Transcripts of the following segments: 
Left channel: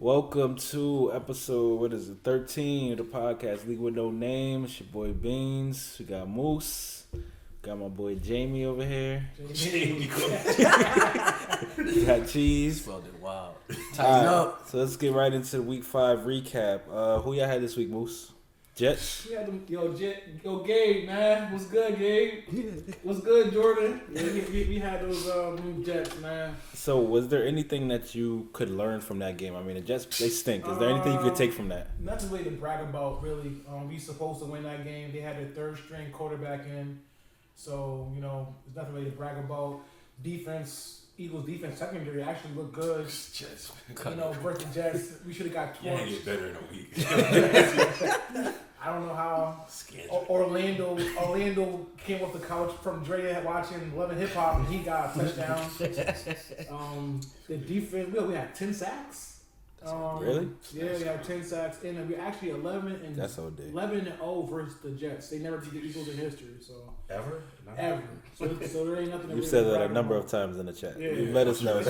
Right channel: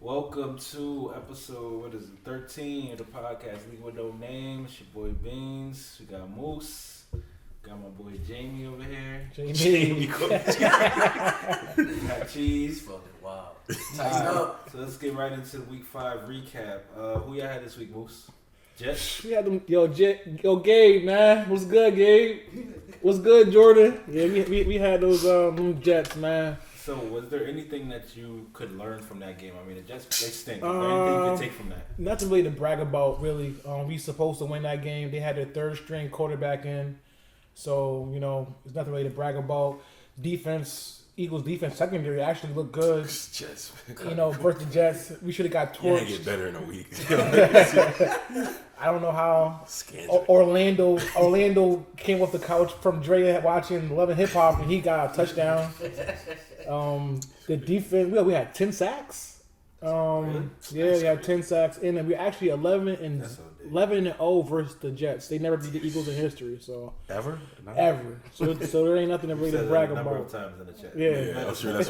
Welcome to episode, 13 of the podcast, League with No Name. It's your boy Beans. We got Moose. Got my boy Jamie over here. Jamie. We got Cheese. Spelled it wild. Tighten up. So let's get right into week 5 recap. Who y'all had this week, Moose? Jets? We had them, yo, Gabe, man. What's good, Gabe? What's good, Jordan? Yeah, we had those Jets, man. So was there anything that you could learn from that game? I mean, the Jets, they stink. Is there anything you could take from that? Nothing really to brag about, really. We supposed to win that game. They had their third string quarterback in. So, there's nothing really to brag about. Defense, Eagles defense secondary actually looked good. Jets. Versus Jets. We should have got torched. Yeah, get better in a week. I don't know how. Orlando came off the couch from Dre watching Love and Hip Hop, and he got a touchdown. The defense, we had 10 sacks. Really? Yeah, we had 10 sacks, and we're actually 11-0 versus the Jets. They never beat the Eagles in history, so ever. So there ain't nothing to You really said that brag a number about. of times in the chat. Yeah. Let us know. I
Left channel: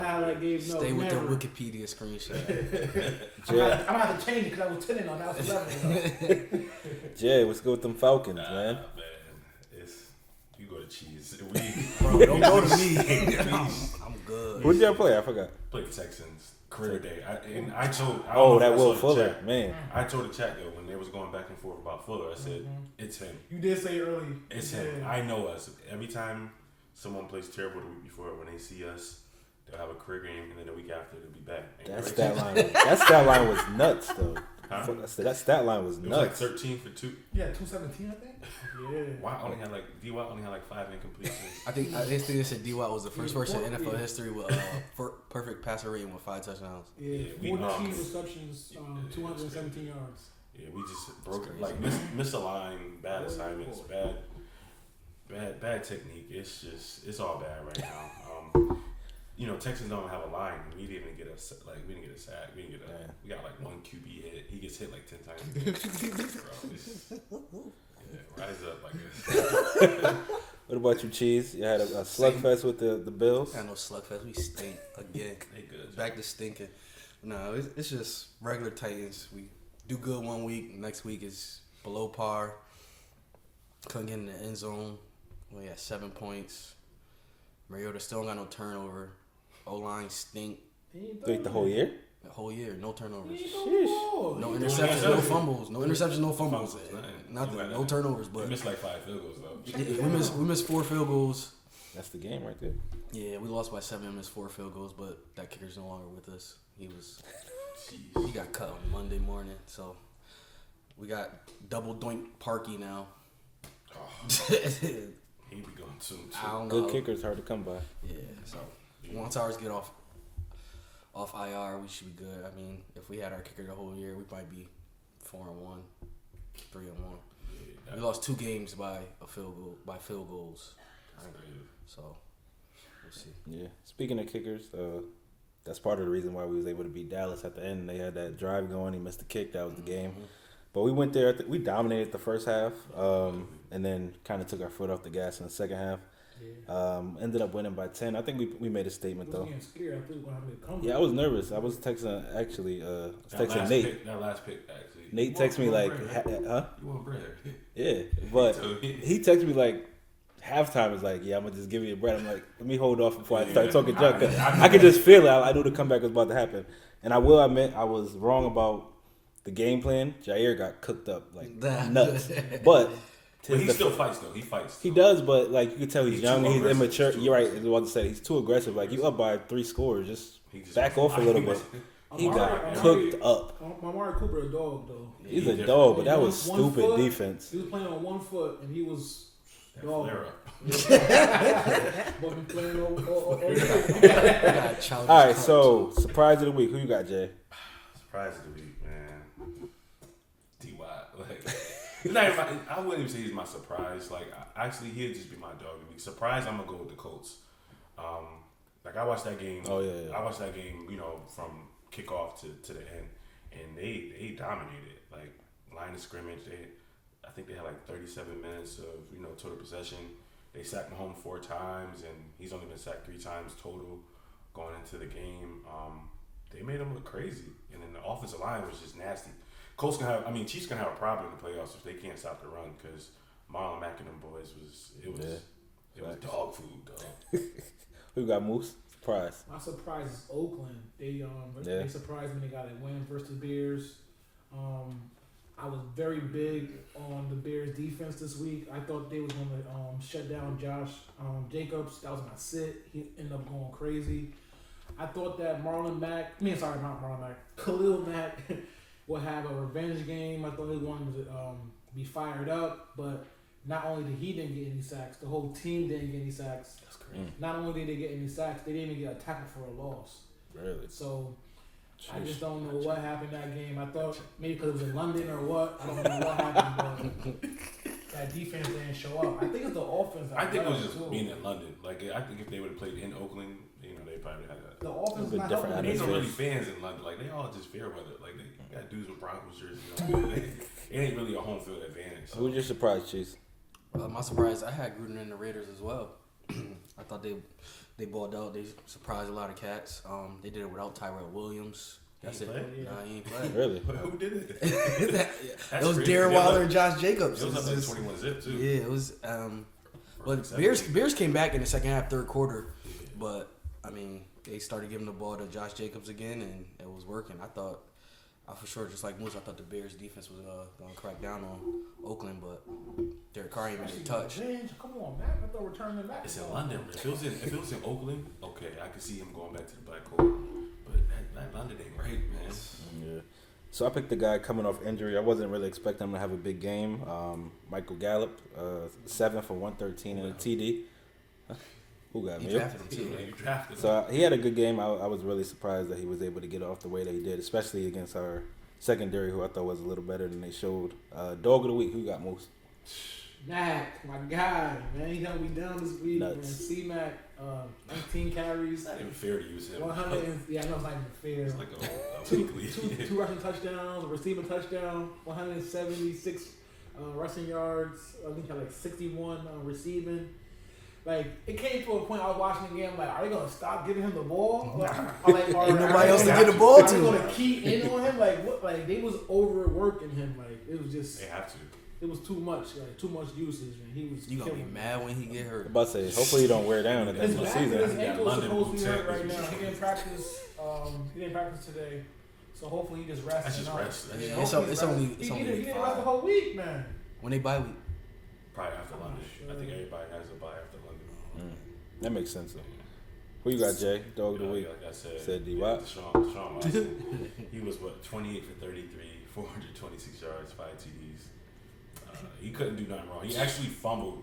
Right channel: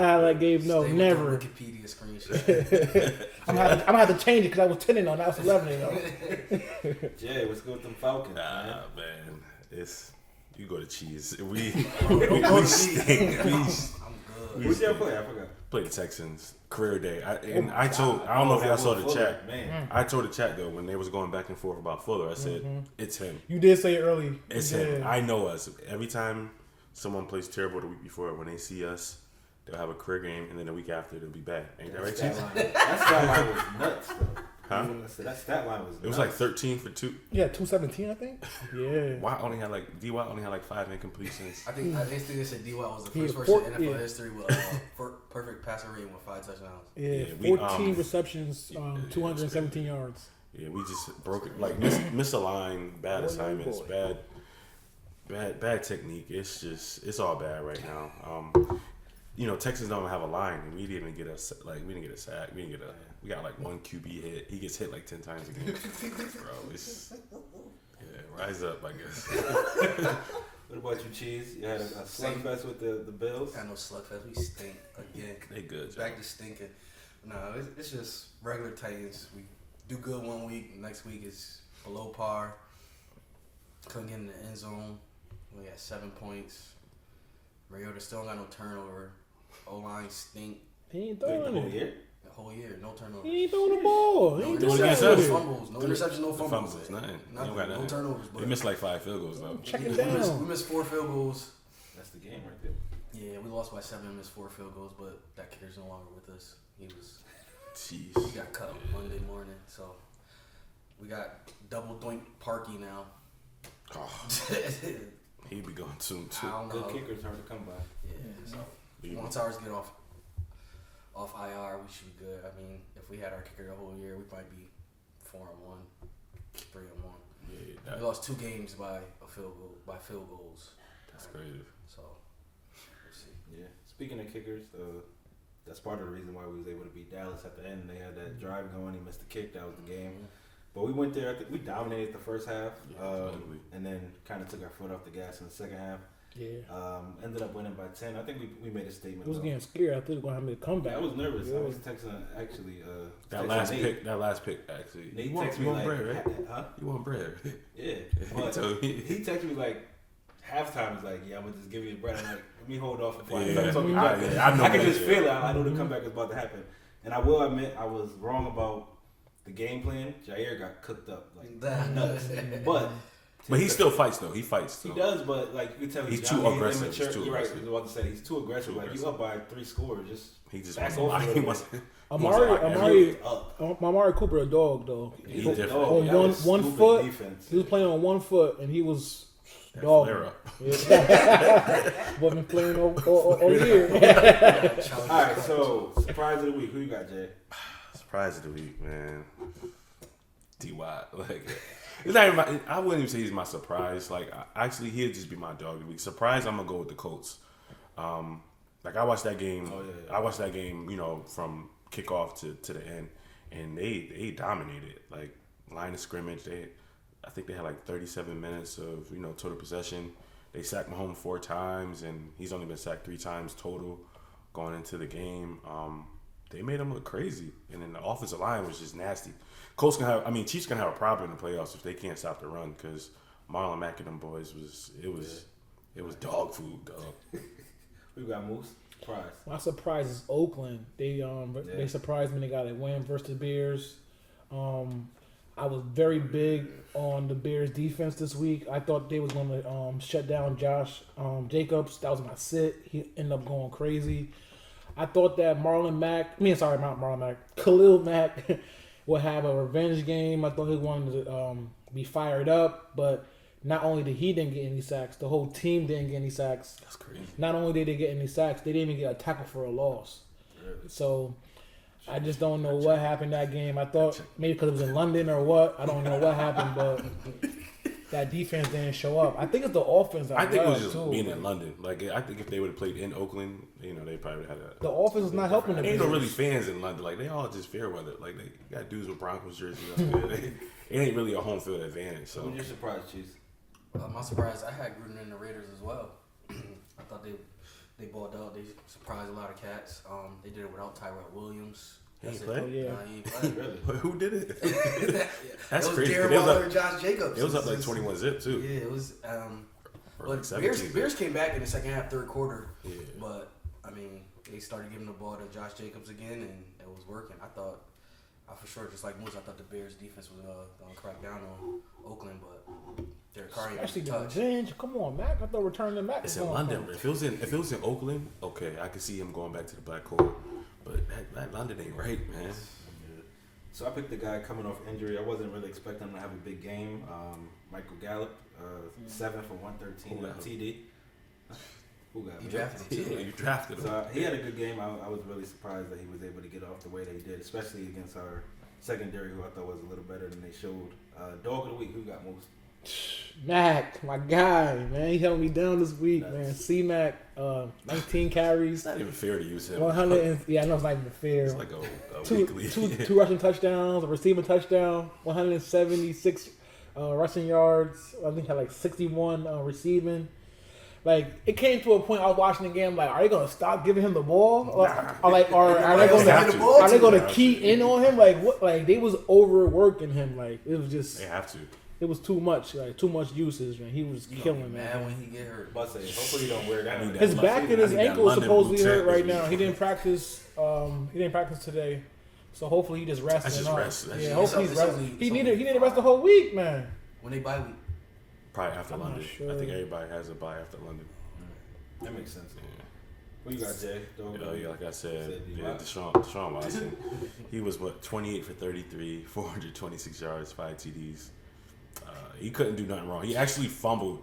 had like Gabe, no, Stay never. with the Wikipedia screenshot. I'm gonna have to change it because I was 10-0, now it's 11-0. Jay, what's good with them Falcons, man? Man, it's you go to Cheese. Don't go to me. I'm good. Who'd y'all play? I forgot. Play the Texans. Career day. I don't know if that I saw Will the Fuller, chat. man. I told the chat though when they was going back and forth about Fuller. I said it's him. You did say it early. It's him. I know us. Every time someone plays terrible the week before, when they see us, they'll have a career game, and then the week after they'll be back. That stat line was nuts, though. Huh? That stat line was nuts. It was like 13 for 2. Yeah, 217, I think. Yeah. Watt only had like 5 incompletions. I think they said D-Watt was the first person in NFL history with perfect passer rating with 5 touchdowns. Yeah, we, 14 receptions, 217 yards. Yeah, we just broke it. Like misaligned, bad assignments, bad technique. It's all bad right now. Texans don't have a line. We didn't get a sack. We got like one QB hit. He gets hit like 10 times a game. Bro, rise up, I guess. What about you, Cheese? You had a slugfest with the Bills? I know slugfest. We stink again. They good. Back to stinking. No, it's just regular Titans. We do good one week. Next week is below par. Couldn't get in the end zone. We had 7 points. Mariota still got no turnover. O-line stink. He ain't Like throwing the whole year? The whole year, no turnovers. He ain't throwing the ball. No He ain't doing interceptions, it. no fumbles. No interceptions, no fumbles. Nothing. No turnovers. But We missed like 5 field goals though. Check yeah, it down. we missed 4 field goals. That's the game right there. Yeah, we lost by 7 and missed 4 field goals, but that kicker's no longer with us. He Jeez. got cut on Monday morning, so we got double doink Parky now. Oh, he be going soon I too. don't know. Good kickers hard to come by. Yeah, so once ours get off IR, we should be good. I mean, if we had our kicker the whole year, we'd probably be 4-1, 3-1. Yeah, We lost 2 games by field goals. that's crazy. So we'll see. Yeah. Speaking of kickers, that's part of the reason why we was able to beat Dallas at the end. They had that drive going. He missed the kick. That was the game. But we went there. We dominated the first half, and then kind of took our foot off the gas in the second half. Yeah. Ended up winning by 10. I think we made a statement I was though. getting scared. I thought we were going to have me come back. Yeah, I was nervous. I was texting actually. That Nate. last pick actually. Nate You want- texted me you want like, bread, right? huh? You want bread? Yeah, but told me. he texted me like halftime. Is like, yeah, I'm gonna just give you a bread. I'm like, let me hold off before I start talking junk. I could just feel it. I knew the comeback was about to happen, and I will admit I was wrong about the game plan. Jair got cooked up like nuts, but he still fights though. He fights. He does, but like you can tell he's young, too he's aggressive. immature. He's too You're right. I aggressive. was about to say he's too aggressive. Like you up by 3 scores, just back wants- off a little bit. Amari Up. Amari Cooper a dog though. He's He's a different. dog. On That was one stupid foot. defense. He was playing on 1 foot and he was That dog. flare up. Boy been playing all year. All right, so surprise of the week. Who you got, Jay? Surprise of the week, man. D-Watt. Like, it's not even I wouldn't even say he's my surprise. Like, actually, he'll just be my dog of the week. Surprise, I'm gonna go with the Colts. Like I watched that game. Oh, yeah. I watched that game. From kickoff to the end, and they dominated. Like line of scrimmage, I think they had like 37 minutes of total possession. They sacked Mahomes 4 times, and he's only been sacked 3 times total going into the game. they made them look crazy, and then the offensive line was just nasty. Chiefs gonna have a problem in the playoffs if they can't stop the run because Marlon Mack and them boys it was dog food, dog. Who got Moose? Surprise. My surprise is Oakland. They surprised me. They got a win versus the Bears. I was very big on the Bears defense this week. I thought they was going to shut down Josh Jacobs. That was my sit. He ended up going crazy. I thought that Khalil Mack would have a revenge game. I thought he wanted to be fired up, but not only did he didn't get any sacks, the whole team didn't get any sacks. That's crazy. Not only did they get any sacks, they didn't even get a tackle for a loss. Really? So I just don't know what happened that game. I thought maybe because it was in London or what. I don't know what happened, but that defense didn't show up. I think it's the offense. I think it was just being in London. Like I think if they would have played in Oakland, they probably had a. The offense is not helping them. Ain't no really fans in London. Like they all just fair weather. Like they got dudes with Broncos jerseys. It ain't really a home field advantage. So. Who's your surprise, Chiefs? My surprise, I had Gruden and the Raiders as well. I thought they balled out. They surprised a lot of cats. They did it without Tyrell Williams. He ain't played? Yeah. Nah, he ain't played. Really? Who did it? It was Darren Waller and Josh Jacobs. It was up like 21-zip too. Yeah, it was. But Bears came back in the second half, third quarter. Yeah. But they started giving the ball to Josh Jacobs again, and it was working. I for sure, just like Moose, I thought the Bears defense was going to crack down on Oakland, but Derek Carr ain't really touched. Come on, Mac. I thought returning Mac. It's in London. If it was in Oakland, okay, I could see him going back to the black hole. But that London ain't right, man. Yeah. So I picked the guy coming off injury. I wasn't really expecting him to have a big game. Michael Gallup, 7 for 113 and a TD. Who got me? You drafted him too. You drafted him. So he had a good game. I was really surprised that he was able to get off the way that he did, especially against our secondary, who I thought was a little better than they showed. Dog of the week, who got most? Mac, my guy, man. He held me down this week, Nuts. man. C-Mac, 19 carries. It's not even fair to use him. 100. Yeah, I know it's not even fair. It's like a weekly. Two rushing touchdowns, a receiving touchdown, 176 rushing yards. I think he had like 61 receiving. Like, it came to a point I was watching the game, like, are they going to stop giving him the ball? Are they going to key in on him? Like, what? Like, they was overworking him. Like, it was just... They have to. It was too much. Like, too much usage, man. He was killing me. Mad when he get hurt. I'm about to say, hopefully he don't wear down. His back and his ankle is supposedly hurt right now. He didn't practice. He didn't practice today. So hopefully he just rested. That's just rest. Yeah, hopefully he's resting. He needed to rest the whole week, man. When they bye week. Probably after London. Sure. I think everybody has a bye after London. That makes sense. Who you got, Jay? Dog of the week? Like I said, D-Wop. Deshaun Watson. He was 28 for 33, 426 yards, 5 TDs. He couldn't do nothing wrong. He actually fumbled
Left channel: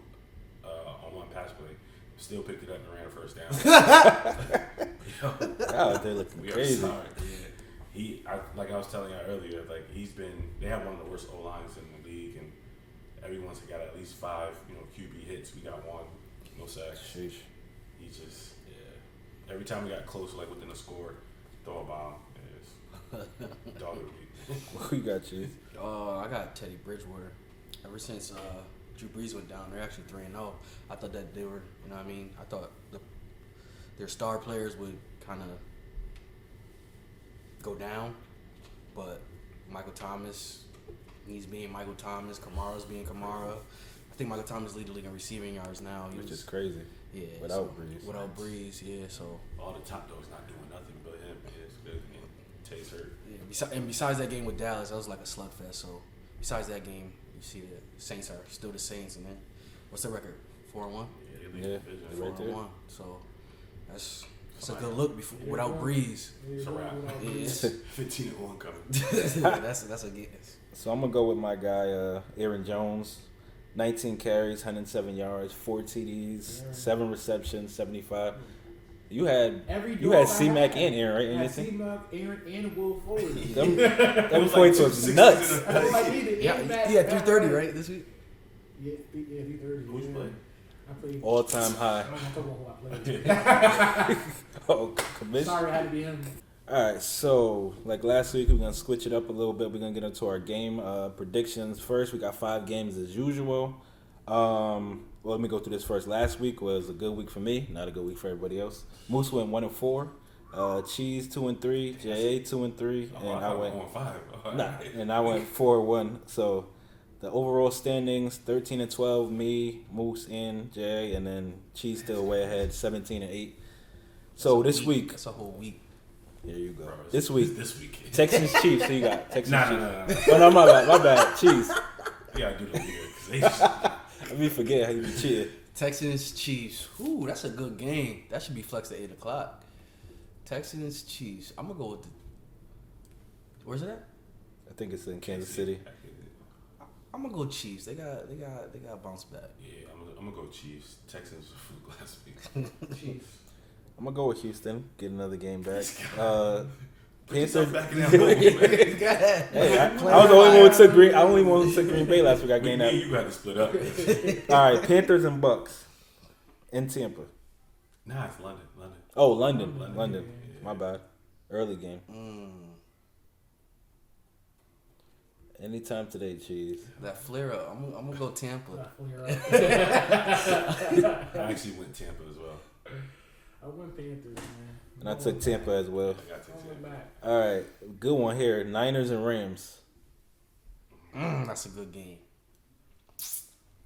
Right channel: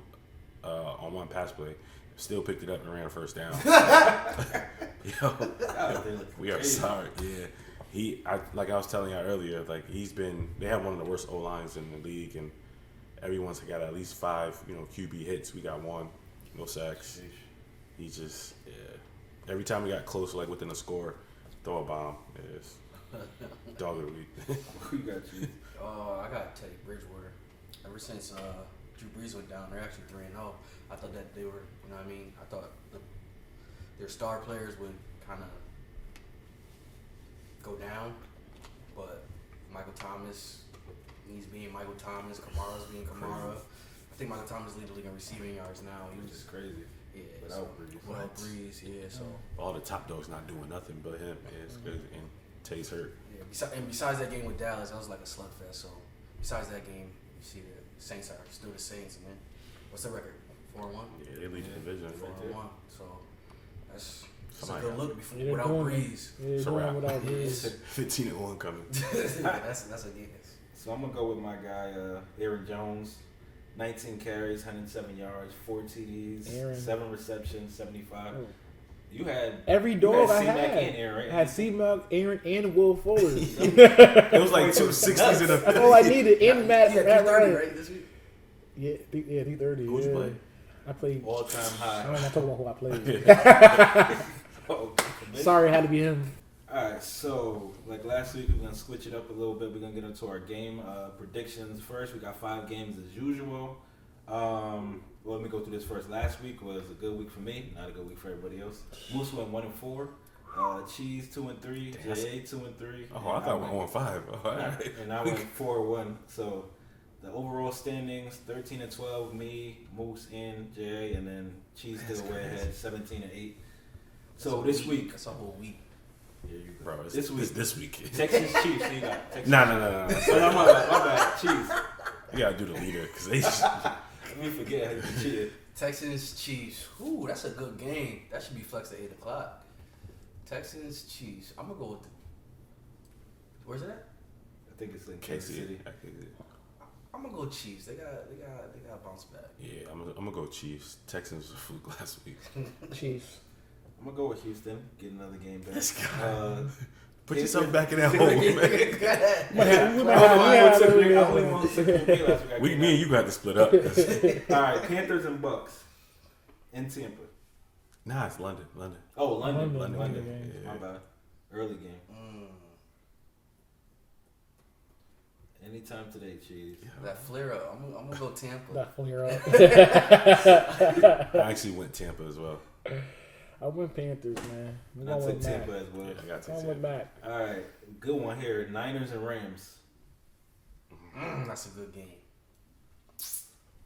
on one pass play, still picked it up and ran a first down. We are sorry. Yeah, like I was telling you earlier, like they have one of the worst O lines in the league, and everyone's got at least 5, QB hits. We got 1, no sacks. He just, every time we got close, like within a score, throw a bomb. Dog of the week. Who you got, Chief? I got Teddy Bridgewater. Ever since Drew Brees went down, they're actually 3-0. I thought that they were, I thought their star players would kind of go down, but Michael Thomas, he's being Michael Thomas. Kamara's being Kamara. I think Michael Thomas leads the league in receiving yards now. Which is crazy. Yeah. Without Brees. Without Brees, yeah. So all the top dogs not doing nothing but him. It's good. And Tay's hurt. Yeah. And besides that game with Dallas, that was like a slugfest. So besides that game, you see the Saints are still the Saints, and then what's the record? 4-1. Yeah, they lead the division. 4-1. So that's a good look without Brees. It's a wrap. 15-1 coming. That's a guess. So I'm gonna go with my guy Aaron Jones. 19 carries, 107 yards, 4 TDs, 7 receptions, 75. You had every you dog had C-Mac I had. and Aaron, right? I had C-Mac, Aaron, and Will Fuller. It was like 260s in That's all I needed. And Matt. He had 330 right this week. Yeah, 330. Who'd you play? I played all-time high. I'm not talking about who I played. Sorry, it had to be him. All right, so like last week, we're going to switch it up a little bit. We're going to get into our game predictions first. We got 5 games as usual. Well, let me go through this first. Last week was a good week for me, not a good week for everybody else. Moose went 1-4. Cheese 2-3, JA 2-3. Oh, I thought we went 5. All right. And I went 4-1. So the overall standings 13-12, me, Moose, and Jay, and then Cheese still way ahead, 17-8. So this week, that's a whole week. There you go. Bro, this week, Texans Chiefs. So you got Texans. No. Oh, no, my bad. Cheese. You gotta do the leader because they. Let me forget how you cheated. Texans Chiefs. Ooh, that's a good game. That should be flexed at 8:00. Texans Chiefs. I'm gonna go with. Where's it at? I think it's in Kansas City. I'm gonna go Chiefs. They got bounce back. Yeah, I'm gonna go Chiefs. Texans was fluke last week. Chiefs. I'm gonna go with Houston. Get another game back. Put yourself back in that hole, man. I only won to Green Bay last week. Me and you got to split up. All right, Panthers and Bucks in Tampa. Nah, it's London. Oh, London. Yeah. My bad. Early game. Anytime today, Cheese. That flare up. I'm gonna go Tampa. That flare up. I actually went Tampa as well. I went Panthers, man. And I took Tampa as well. Yeah, I got to take Tampa. Back. All right, good one here. Niners and Rams. That's a good game.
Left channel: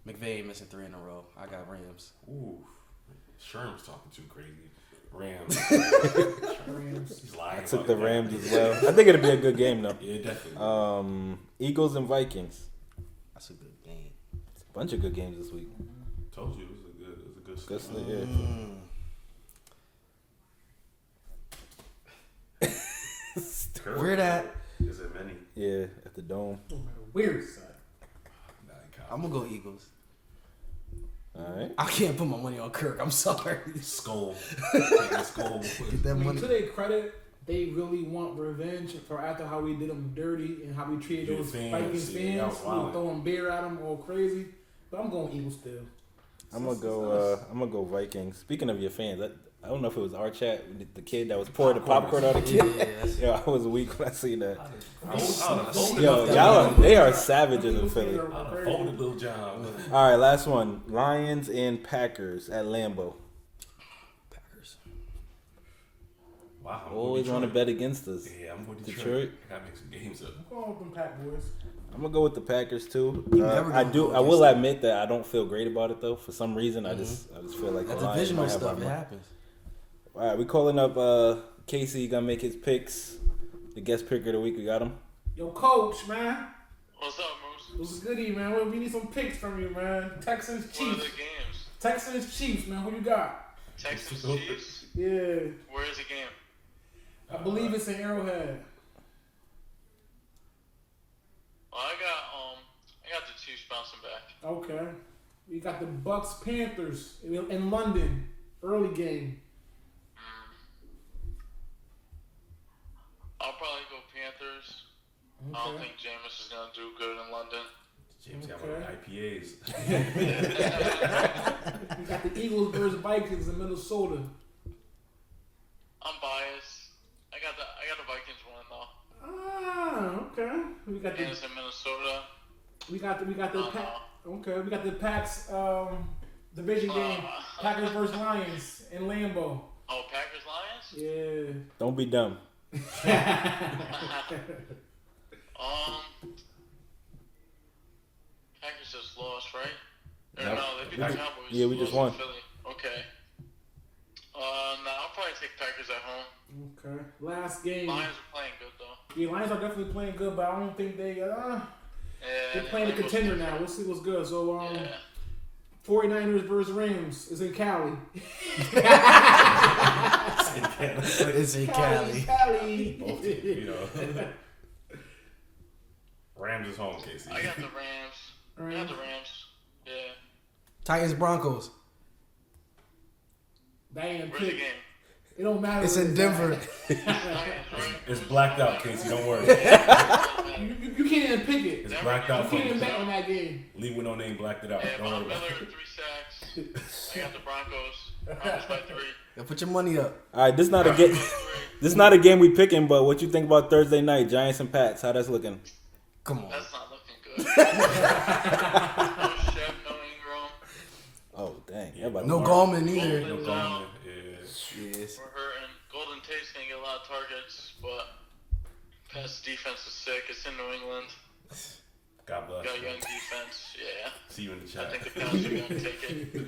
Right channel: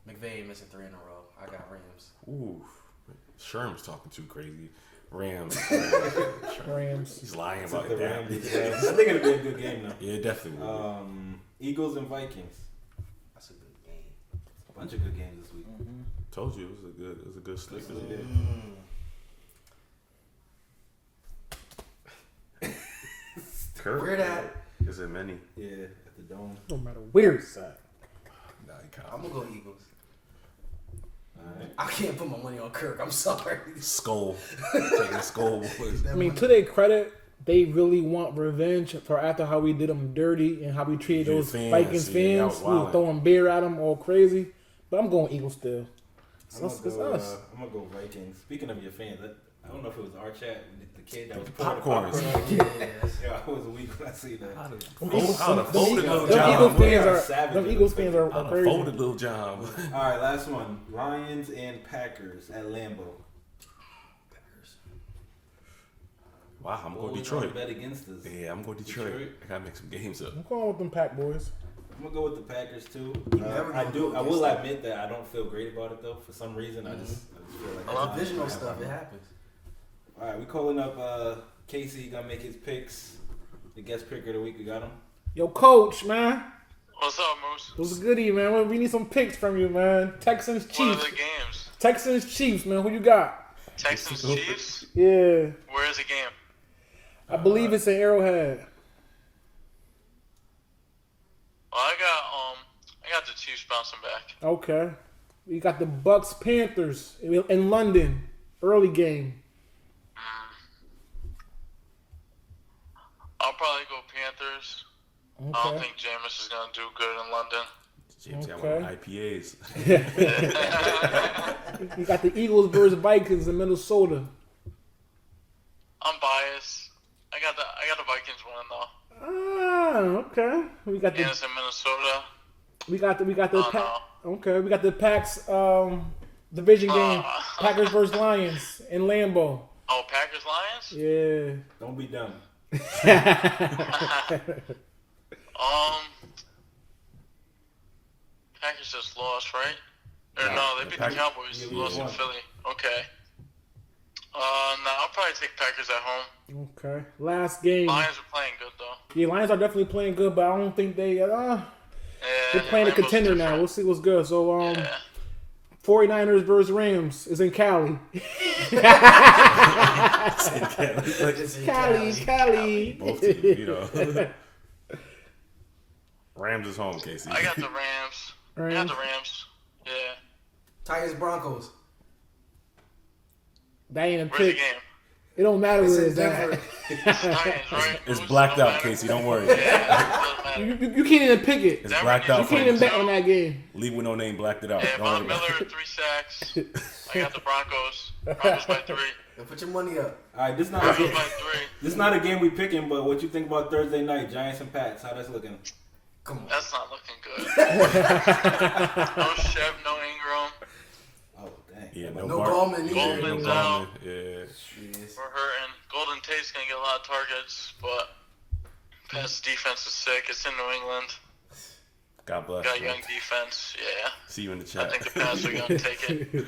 McVay missing 3 in a row. I got Rams. Ooh, Sherm's talking too crazy. Rams. Rams. He's lying I about took the that. Rams as well. I think it'll be a good game though. Yeah, definitely. Eagles and Vikings. That's a good game. A bunch of good games this week. Told you it was a good slate. Where that? Is it many? Yeah, at the Dome. No matter where it's at. Nah, you can't. I'm gonna go Eagles. All right. I can't put my money on Kirk. I'm sorry. Skull. Taking Skull. I mean, to their credit, they really want revenge for after how we did them dirty and how we treated those Vikings fans. We were throwing beer at them all crazy. But I'm going Eagles still. I'm gonna go Vikings. Speaking of your fans, I don't know if it was our chat, the kid that was pouring the popcorn on the kid. Yeah, I was weak when I seen that. They are savage in the Philly. Folded Little John. All right, last one. Lions and Packers at Lambeau. Packers. Wow, I'm Always going trying to Detroit. bet against us. Yeah, I'm going Detroit. I gotta make some games up. I'm going with them Pack boys. I'm gonna go with the Packers too. I will admit that I don't feel great about it though. For some reason, I just feel like it's divisional stuff. It happens. All right, we calling up Casey. Gonna make his picks. The guest picker of the week. We got him. Yo, Coach, man. What's up, Moose? What's goody, man? We need some picks from you, man. Texans, Chiefs. What are the games? Texans, Chiefs, man. Who you got? Texans, Chiefs? Yeah. Where is the game? I believe it's in Arrowhead. Well, I got the Chiefs bouncing back. Okay. We got the Bucks, Panthers in London. Early game. I'll probably go Panthers. Okay. I don't think Jameis is going to do good in London. James got one of the IPAs. We got the Eagles versus Vikings in Minnesota. I'm biased. I got the Vikings winning though. Ah, okay. We got And it's in Minnesota. we got the Oh, Pack. Okay, we got the Packs division game. Packers versus Lions in Lambeau. Oh, Packers Lions? Yeah. Don't be dumb. Packers just lost, right? Or Yeah. no, they beat the Cowboys. Yeah, we lost just won. in Philly. Okay. No, I'll probably take Packers at home. Okay. Last game. Lions are playing good though. Yeah, Lions are definitely playing good, but I don't think they're playing a Lambeau's contender now. different. We'll see what's good. So 49ers versus Rams is in Cali. It's in Cali. Cali. Both teams, you know. Rams is home, Casey. I got the Rams. I got the Rams. Yeah. Titans Broncos. That ain't a Where's the pick. game? It don't matter. It's where in Denver. Titans, right? It's blacked out, Casey. Don't worry. You can't even pick it. It's blacked out. You can't even bet on that game. Leave with no name, blacked it out. Yeah, Don't worry Von about Miller, it. 3 sacks. I got the Broncos. Broncos by 3. Yo, put your money up. All right, this not a Broncos game. by 3. This not a game we picking, but what you think about Thursday night, Giants and Pats? How that's looking? Come on. That's not looking good. No Chev, no Ingram. Oh dang. Yeah, no Gallman either. Gallman's out. Yes. We're hurting. Golden Tate's gonna get a lot of targets, but pass defense is sick. It's in New England. God bless. Got young defense. Yeah. See you in the chat. I think the Pats are gonna take it.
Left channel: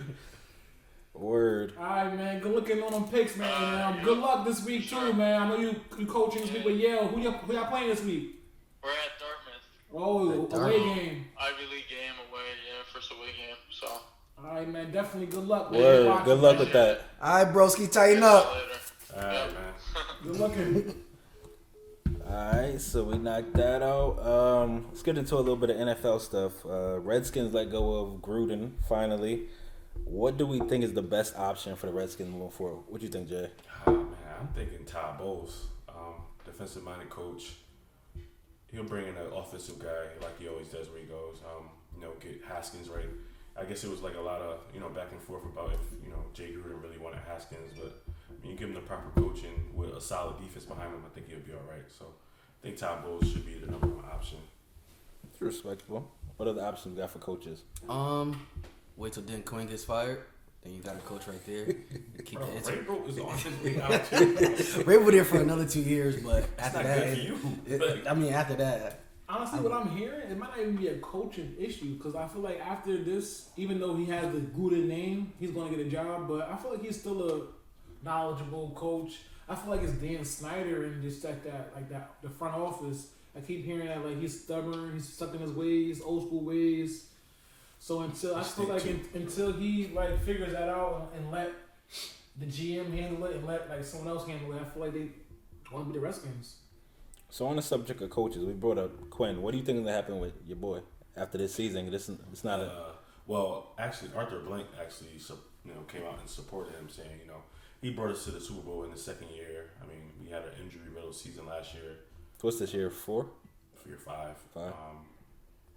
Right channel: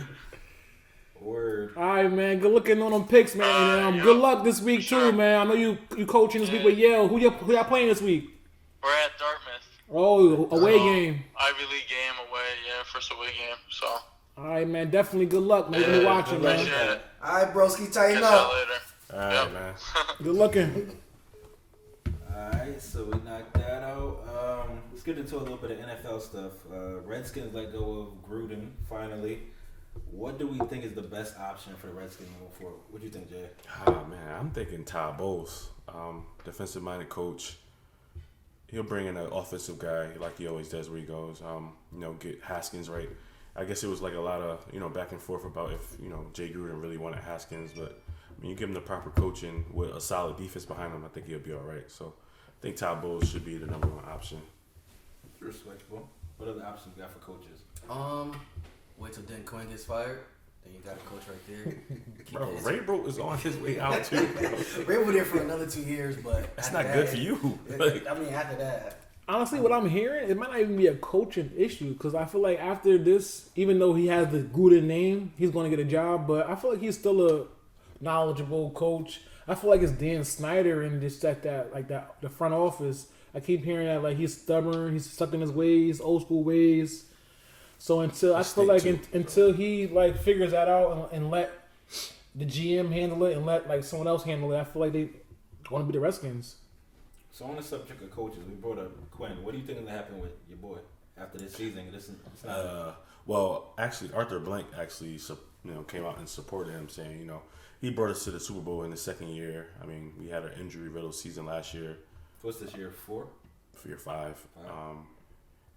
Word. All right, man. Good looking on them picks, man. Yep. Good luck this week Sure. too, man. I know you coaching this week with Yale. Who y'all playing this week? We're at Dartmouth. Oh, away game. Ivy League game away. Yeah, first away game. So. All right, man. Definitely good luck, man. Yeah, Good watching, good luck man. with that. All right, broski, tighten Catch up. y'all later. All right, man. Good looking. Alright, so we knocked that out. Let's get into a little bit of NFL stuff. Redskins let go of Gruden, finally. What do we think is the best option for the Redskins moving forward? What do you think, Jay? Oh, man, I'm thinking Todd Bowles, defensive-minded coach. He'll bring in an offensive guy like he always does where he goes. Get Haskins right. I guess it was like a lot of, back and forth about if, Jay Gruden really wanted Haskins. But, you give him the proper coaching with a solid defense behind him, I think he'll be all right. So, I think Todd Bowles should be the number one option. Respectable. What other options we got for coaches? Wait till Dan Quinn gets fired. Then you got a coach right there. Bro, Raybro is on his way out, too. Ray was there for another 2 years, but That's after not good for you. After that. Honestly, what I'm hearing, it might not even be a coaching issue because I feel like after this, even though he has the Gruden name, he's going to get a job. But I feel like he's still a knowledgeable coach. I feel like it's Dan Snyder and just the front office. I keep hearing that like he's stubborn, he's stuck in his ways, old school ways. So until he like figures that out and let the GM handle it and let like someone else handle it, I feel like they want to be the Redskins. So on the subject of coaches, we brought up Quinn. What do you think is going to happen with your boy after this season? It's not well, actually, Arthur Blank came out and supported him, saying, he brought us to the Super Bowl in the second year. I mean, we had an injury-riddled season last year. What's this year, 4? For year 5.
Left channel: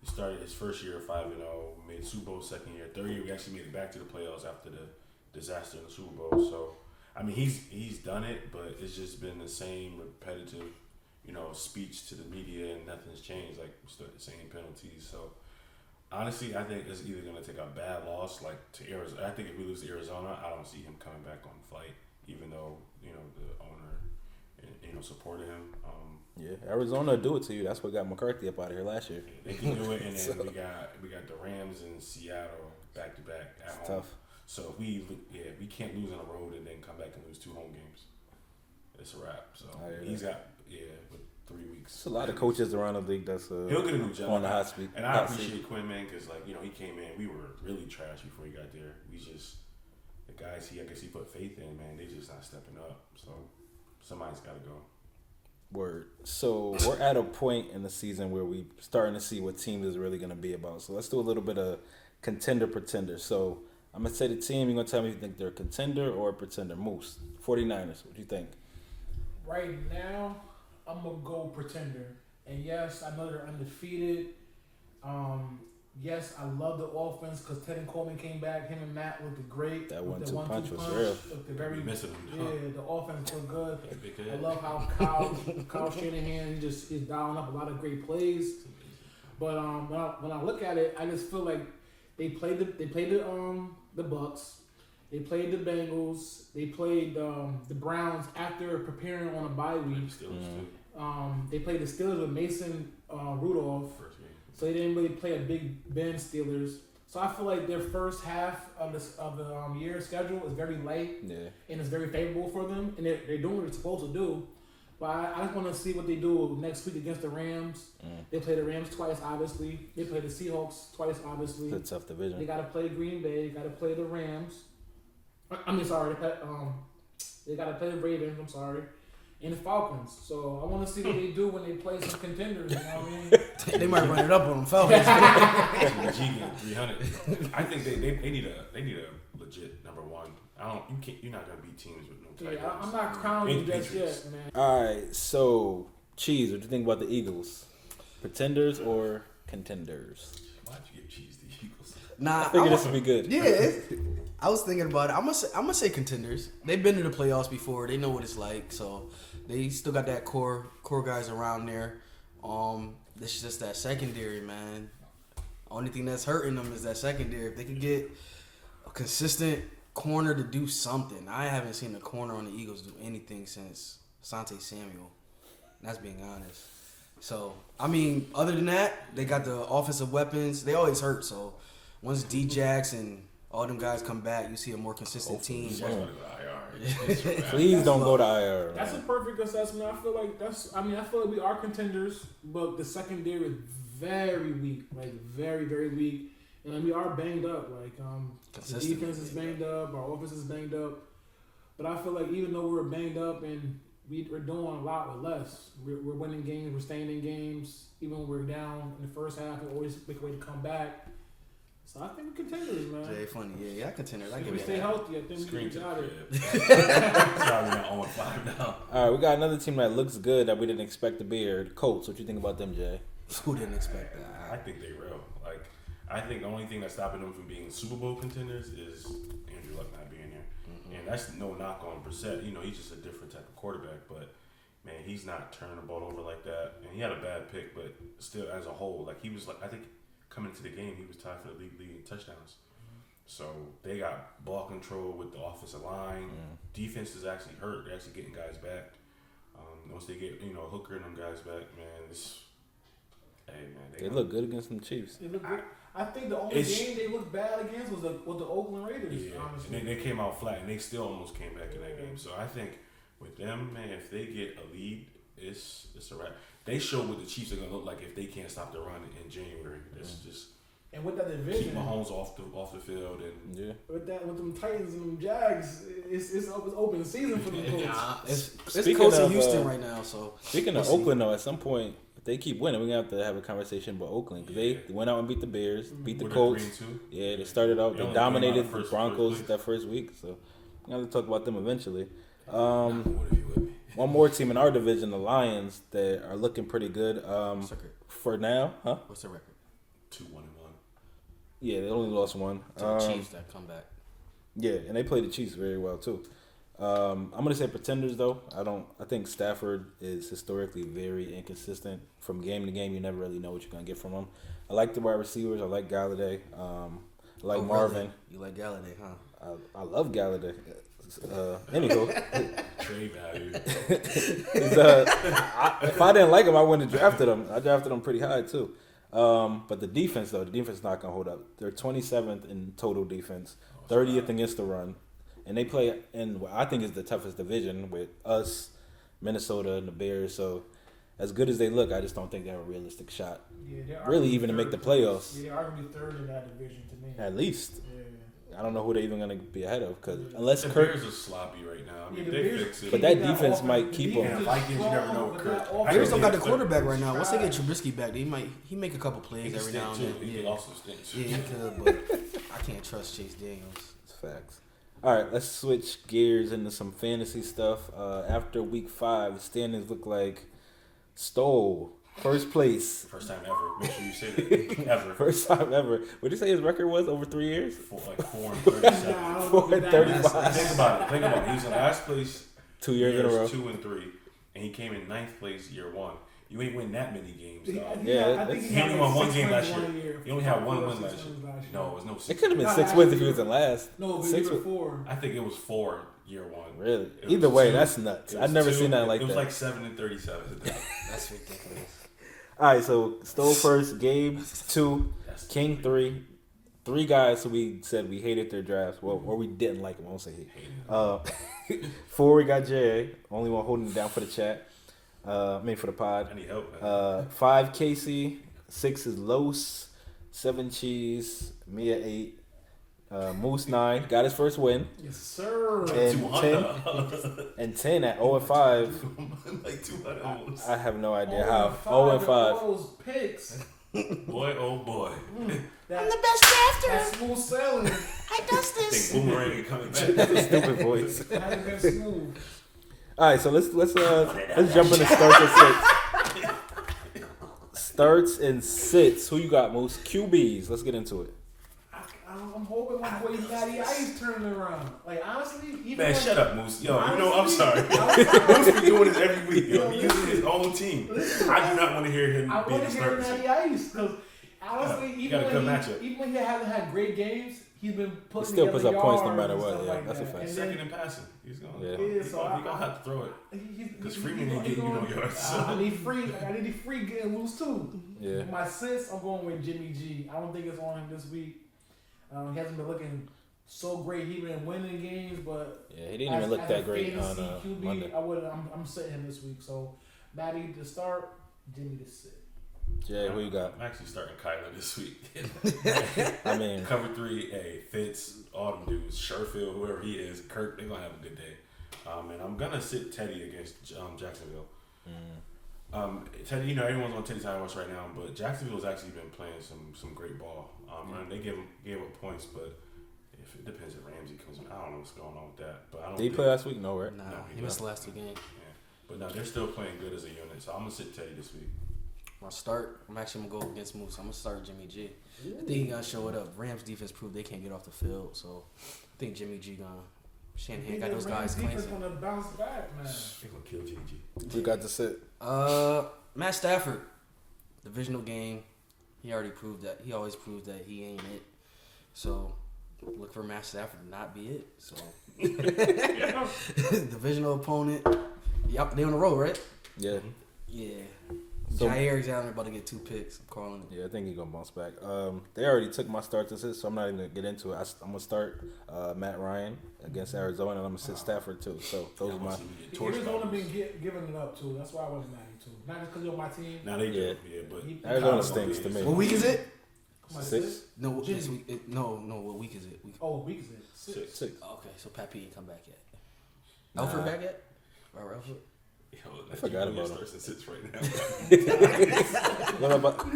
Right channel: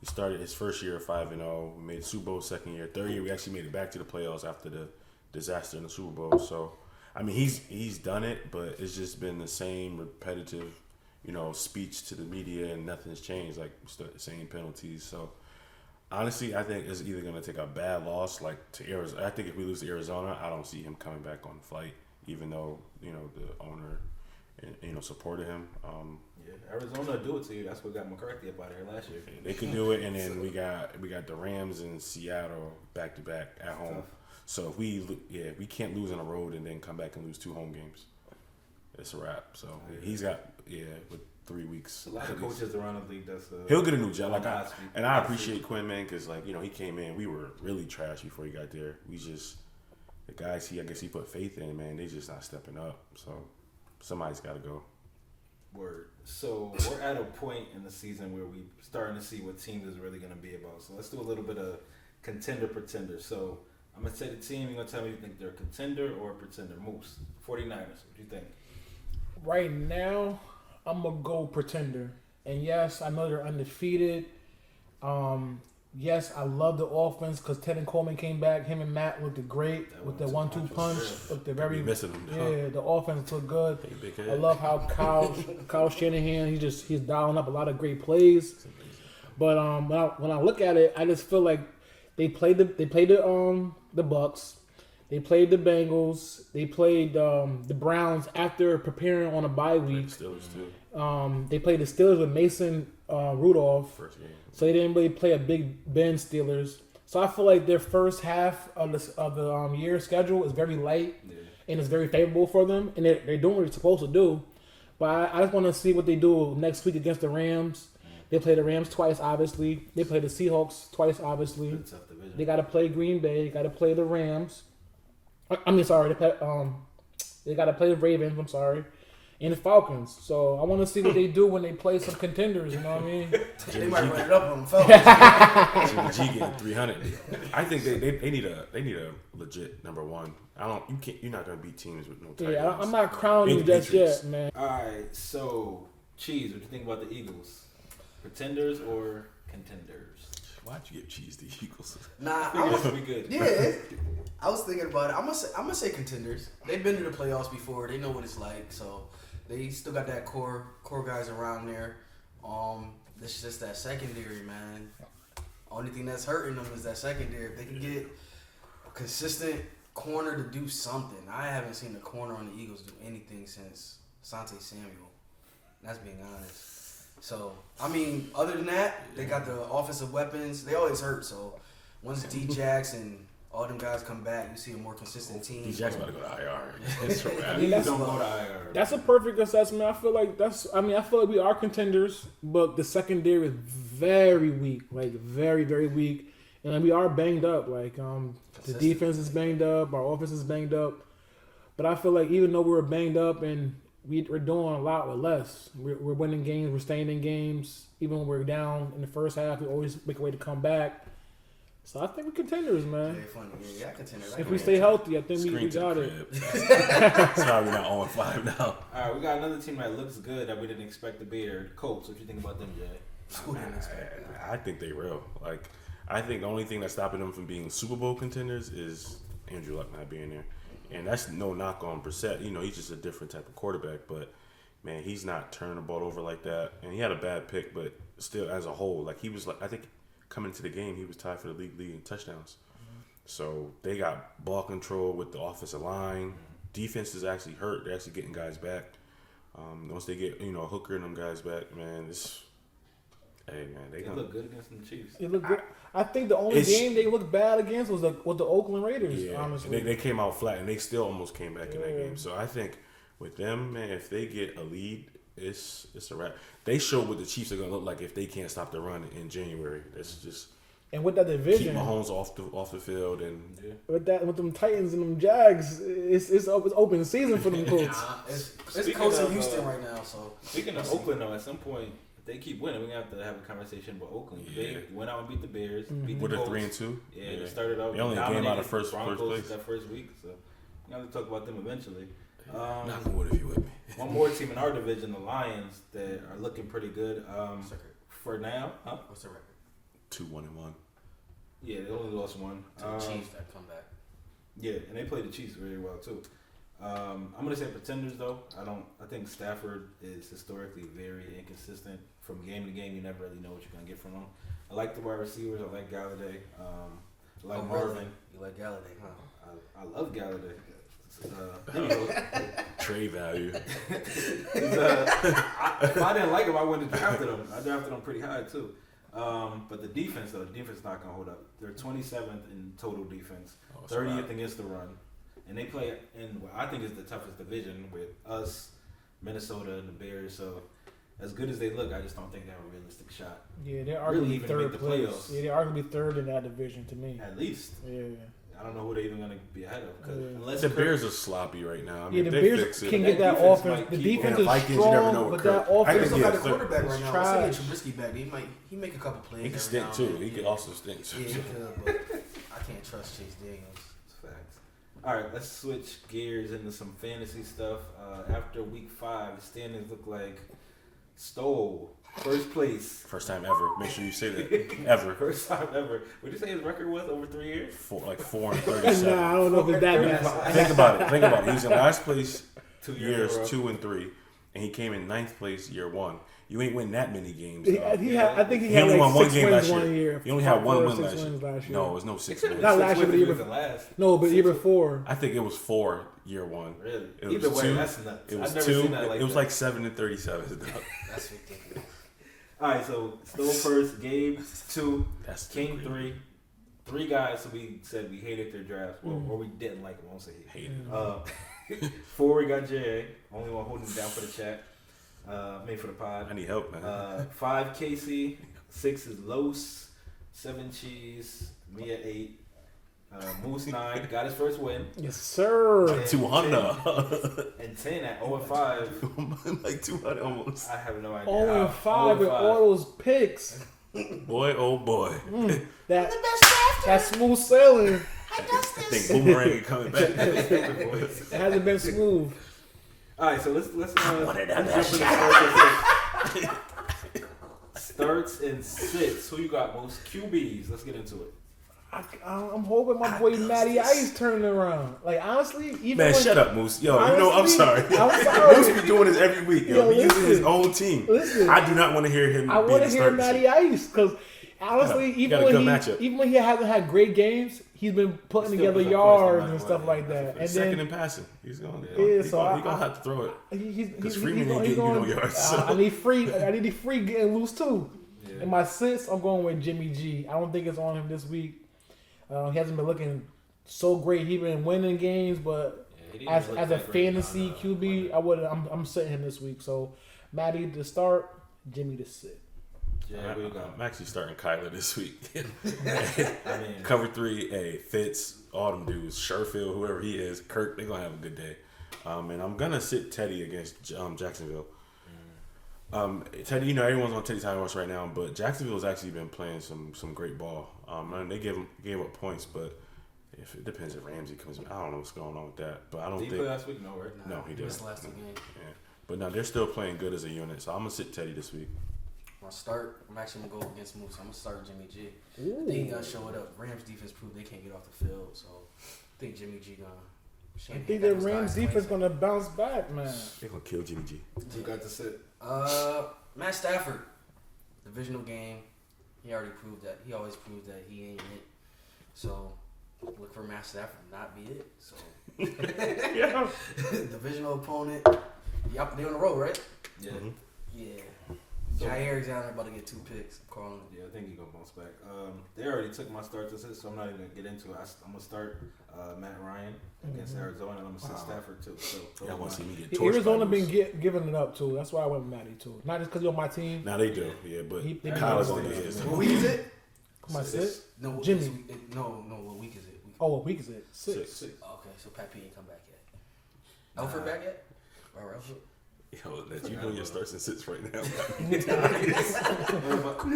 He started his first year 5-0, made Super Bowl second year. Third year, we actually made it back to the playoffs after the disaster in the Super Bowl. So, I mean, he's done it, but it's just been the same repetitive, speech to the media, and nothing's changed. Like, same penalties. So, honestly, I think it's either going to take a bad loss, like to Arizona. I think if we lose to Arizona, I don't see him coming back on the flight, even though the owner supported him. Arizona do it to you. That's what got McCarthy up out of here last year. They can do it, and then we got the Rams and Seattle back to back at home. Tough. So if we can't lose on the road and then come back and lose 2 home games. It's a wrap. So he's got with 3 weeks. There's a lot of coaches around the league. He'll get a new job. I I appreciate Quinn, man, because he came in. We were really trash before he got there. The guys I guess he put faith in, man. They just not stepping up. So somebody's got to go. Word. So we're at a point in the season where we starting to see what teams is really going to be about. So let's do a little bit of contender pretender. So I'm going to say the team. You're going to tell me if you think they're a contender or a pretender. Moose, 49ers. What do you think? Right now, I'm going to go pretender. And yes, I know they're undefeated. Yes, I love the offense because Teddy Coleman came back. Him and Matt looked great with the 1-2 punch. Looked very missing them. Yeah, the offense looked good. I love how Kyle Shanahan he's dialing up a lot of great plays. But when I look at it, I just feel like they played the Bucks, they played the Bengals, they played the Browns after preparing on a bye week. They played the Steelers with Mason Rudolph. First game. So they didn't really play a Big Ben Steelers. So I feel like their first half of the year schedule is very light and it's very favorable for them, and they're doing what they're supposed to do. But I just want to see what they do next week against the Rams. They play the Rams twice, obviously. They play the Seahawks twice, obviously. It's a tough division. They got to play Green Bay. They got to play the Rams. They got to play the Ravens. I'm sorry. And the Falcons. So I want to see what they do when they play some contenders. You know what I mean? They might run it up on them Falcons. G getting 300. I think they need a legit number one. You're not gonna beat teams with no titles. Yeah, I'm not crowning you just yet, man. All right, so Cheese, what do you think about the Eagles? Pretenders or contenders? Why'd you give Cheese the Eagles? Nah, I figured this would be good. Yeah, I was thinking about it. I'm gonna say contenders. They've been to the playoffs before. They know what it's like. So they still got that core guys around there. It's just that secondary, man. Only thing that's hurting them is that secondary. If they can get a consistent corner to do something. I haven't seen the corner on the Eagles do anything since Asante Samuel. That's being honest. So, I mean, other than that, they got the offensive weapons. They always hurt, so once D-Jax and all them guys come back, you see a more consistent team. D-Jax about to go to IR. Please don't go to IR. That's a perfect assessment. I feel like we are contenders, but the secondary is very weak. Like, very, very weak. And we are banged up. Like, the defense is banged up. Our offense is banged up. But I feel like even though we're banged up and we're doing a lot with less, we're winning games, we're staying in games. Even when we're down in the first half, we always make a way to come back. So I think we're contenders, man. Jay, funny. Yeah, contenders. If we stay healthy, I think we got it. Sorry, we're not 0-5 now. All right, we got another team that looks good that we didn't expect to be here. The Colts. What you think about them, Jay? Who didn't expect that? I think they real. Like, I think the only thing that's stopping them from being Super Bowl contenders is Andrew Luck not being there. Mm-hmm. And that's no knock on Brissett. You know, he's just a different type of quarterback. But, man, he's not turning the ball over like that. And he had a bad pick, but still, as a whole, like, he was like, I think coming into the game, he was tied for the league in touchdowns. Mm-hmm. So they got ball control with the offensive line. Mm-hmm. Defense is actually hurt. They're actually getting guys back. Once they get, Hooker and them guys back, man, they look good against the Chiefs. They look good. I think the only game they looked bad against was the Oakland Raiders. Yeah, honestly, they came out flat, and they still almost came back in that game. So I think with them, man, if they get a lead, it's a wrap. They show what the Chiefs are going to look like if they can't stop the run in January. That's just and with that division, keep Mahomes off the field, and with them Titans and them Jags, it's open season for them Colts. It's Colts in Houston right now. So speaking of Oakland, though, at some point, if they keep winning, we're gonna have to have a conversation about Oakland. They went out and beat the Bears, beat the Colts. 3-2. Yeah, they started out. They dominated the Broncos that first week. So we're gonna have to talk about them eventually. One more team in our division, the Lions, that are looking pretty good for now. Huh? What's the record? 2-1-1. Yeah, they only lost one. To the Chiefs that come back. Yeah, and they played the Chiefs very well too. I'm gonna say pretenders though. I think Stafford is historically very inconsistent. From game to game, you never really know what you're gonna get from him. I like the wide receivers. I like Galladay. I like Marvin. Really? You like Galladay, huh? I love Galladay. Anyway, trade value. If I didn't like him, I wouldn't have drafted him. I drafted him pretty high too. But the defense is not gonna hold up. They're 27th in total defense, 30th against the run, and they play in what I think is the toughest division with us, Minnesota, and the Bears. So, as good as they look, I just don't think they have a realistic shot. Yeah, they are really even to make the playoffs. Yeah, they are gonna be third in that division to me. At least. Yeah. I don't know who they're even going to be ahead of. Unless the Bears are sloppy right now. I mean, the they Bears fix it. can that get that defense offense. might The keep defense on. is Vikings, strong, you never know but with that Kirk. offense They still got the quarterback right now. Once they get trash. Trubisky back, he make a couple plays He can every now stink and too. then. He can also stink too. Yeah, he could, but I can't trust Chase Daniels. It's facts. All right, let's switch gears into some fantasy stuff. After week 5, the standings look like Stoll, first place. First time ever. Make sure you say that. Ever. First time ever. What did you say his record was over 3 years? 4-37. Nah, I don't know if it's that massive. Think about it. He was in last place 2 years in a row. 2 and 3, and he came in 9th place year 1. You ain't win that many games. I think He only won one game last year. 1 year. He only had one win 6 last wins year. last year. No, it was no It 6 could have wins. been Not 6 last wins if year, he was in last. No, but year before. I think it was 4 year 1. Really? It was Either way, 2. that's nuts. It was I've never 2. seen that like that. It was like 7 and 37. That's ridiculous. All right, so Stoll first, Gabe 2, That's King 3. 3 guys who we said we hated their drafts. Well, or we didn't like them. I won't say hate. 4, we got Jay. Only one holding it down for the chat. For the pod. I need help, man. 5, Casey. 6 is Los. 7, Cheese. Mia 8. Moose 9. Got his first win. Yes, sir. And 200. And 10 at 0-5. Like 200 almost. I have no idea. 0-5 with all those picks. Boy, oh boy. That, I'm the best drafter. That smooth sailing. I think Boomerang coming back. Stupid voice. It hasn't been smooth. All right, so let's jump into starts and sits. Starts and sits. Who you got, most QBs? Let's get into it. I'm hoping my boy Matty Ice turning around. Like honestly, even man, when, shut up, Moose. Yo, honestly, you know I'm sorry. Moose be doing this every week. Yo, he uses his own team. Listen, I do not want to hear him. I want to hear Matty Ice because honestly, even when he hasn't had great games, he's been putting Still together puts up points no yards matter and what, stuff yeah, like that's a that. fact. And Second then in passing. He's going so to have to throw it. Because Freeman ain't getting yards. So. I need free getting loose too. Yeah. In my sixth, I'm going with Jimmy G. I don't think it's on him this week. He hasn't been looking so great. He's been winning games, but He didn't as even look a that great fantasy on, QB, Monday. I'm sitting him this week. So Matty to start, Jimmy to sit. Jay, who you got? I'm actually starting Kyler this week. I mean, Cover 3, Fitz, all them dudes, Sherfield, whoever he is, Kirk, they're going to have a good day. And I'm going to sit Teddy against Jacksonville. Teddy, everyone's on Teddy's high horse right now, but Jacksonville's actually been playing some great ball. And they gave up points, but if it depends if Ramsey comes in. I don't know what's going on with that. But I don't did he think play last week? No, right? No, he missed didn't. the last 2 games. Yeah. But no, they're still playing good as a unit, so I'm going to sit Teddy this week. My start, I'm actually going to go against Moose. I'm going to start Jimmy G. Ooh. I think he going to show it up. Rams defense proved they can't get off the field, so I think Jimmy G going to. I Shanahan think got that those Rams guys defense glancing. gonna bounce back, man. They're going to kill Jimmy G. You got to sit. Matt Stafford, divisional game. He already proved that. He always proves that he ain't it. So look for Matt Stafford to not be it. So divisional opponent. Yep, they on the road, right? Yeah. Yeah. So- Jair's out there about to get 2 picks. I'm calling it. Yeah, I think he's going to bounce back. They already took my start to sit, so I'm not even going to get into it. I'm going to start Matt Ryan against Arizona, and I'm going to sit Stafford, too. So those Y'all are want my... to see me get torched by Arizona this. been giving it up too. That's why I went with Matty too. Not just because you're on my team. Now they do, yeah, but He Arizona kinda stinks won. to me. What week is it? My Six. six. No, Jimmy. this week- no. What week is it? Oh, what week is it? Six. Six. Okay, so Pat P ain't come back yet. Alfred back yet? Right, Alfred. yo, that forgot you know your about starts and sits right now.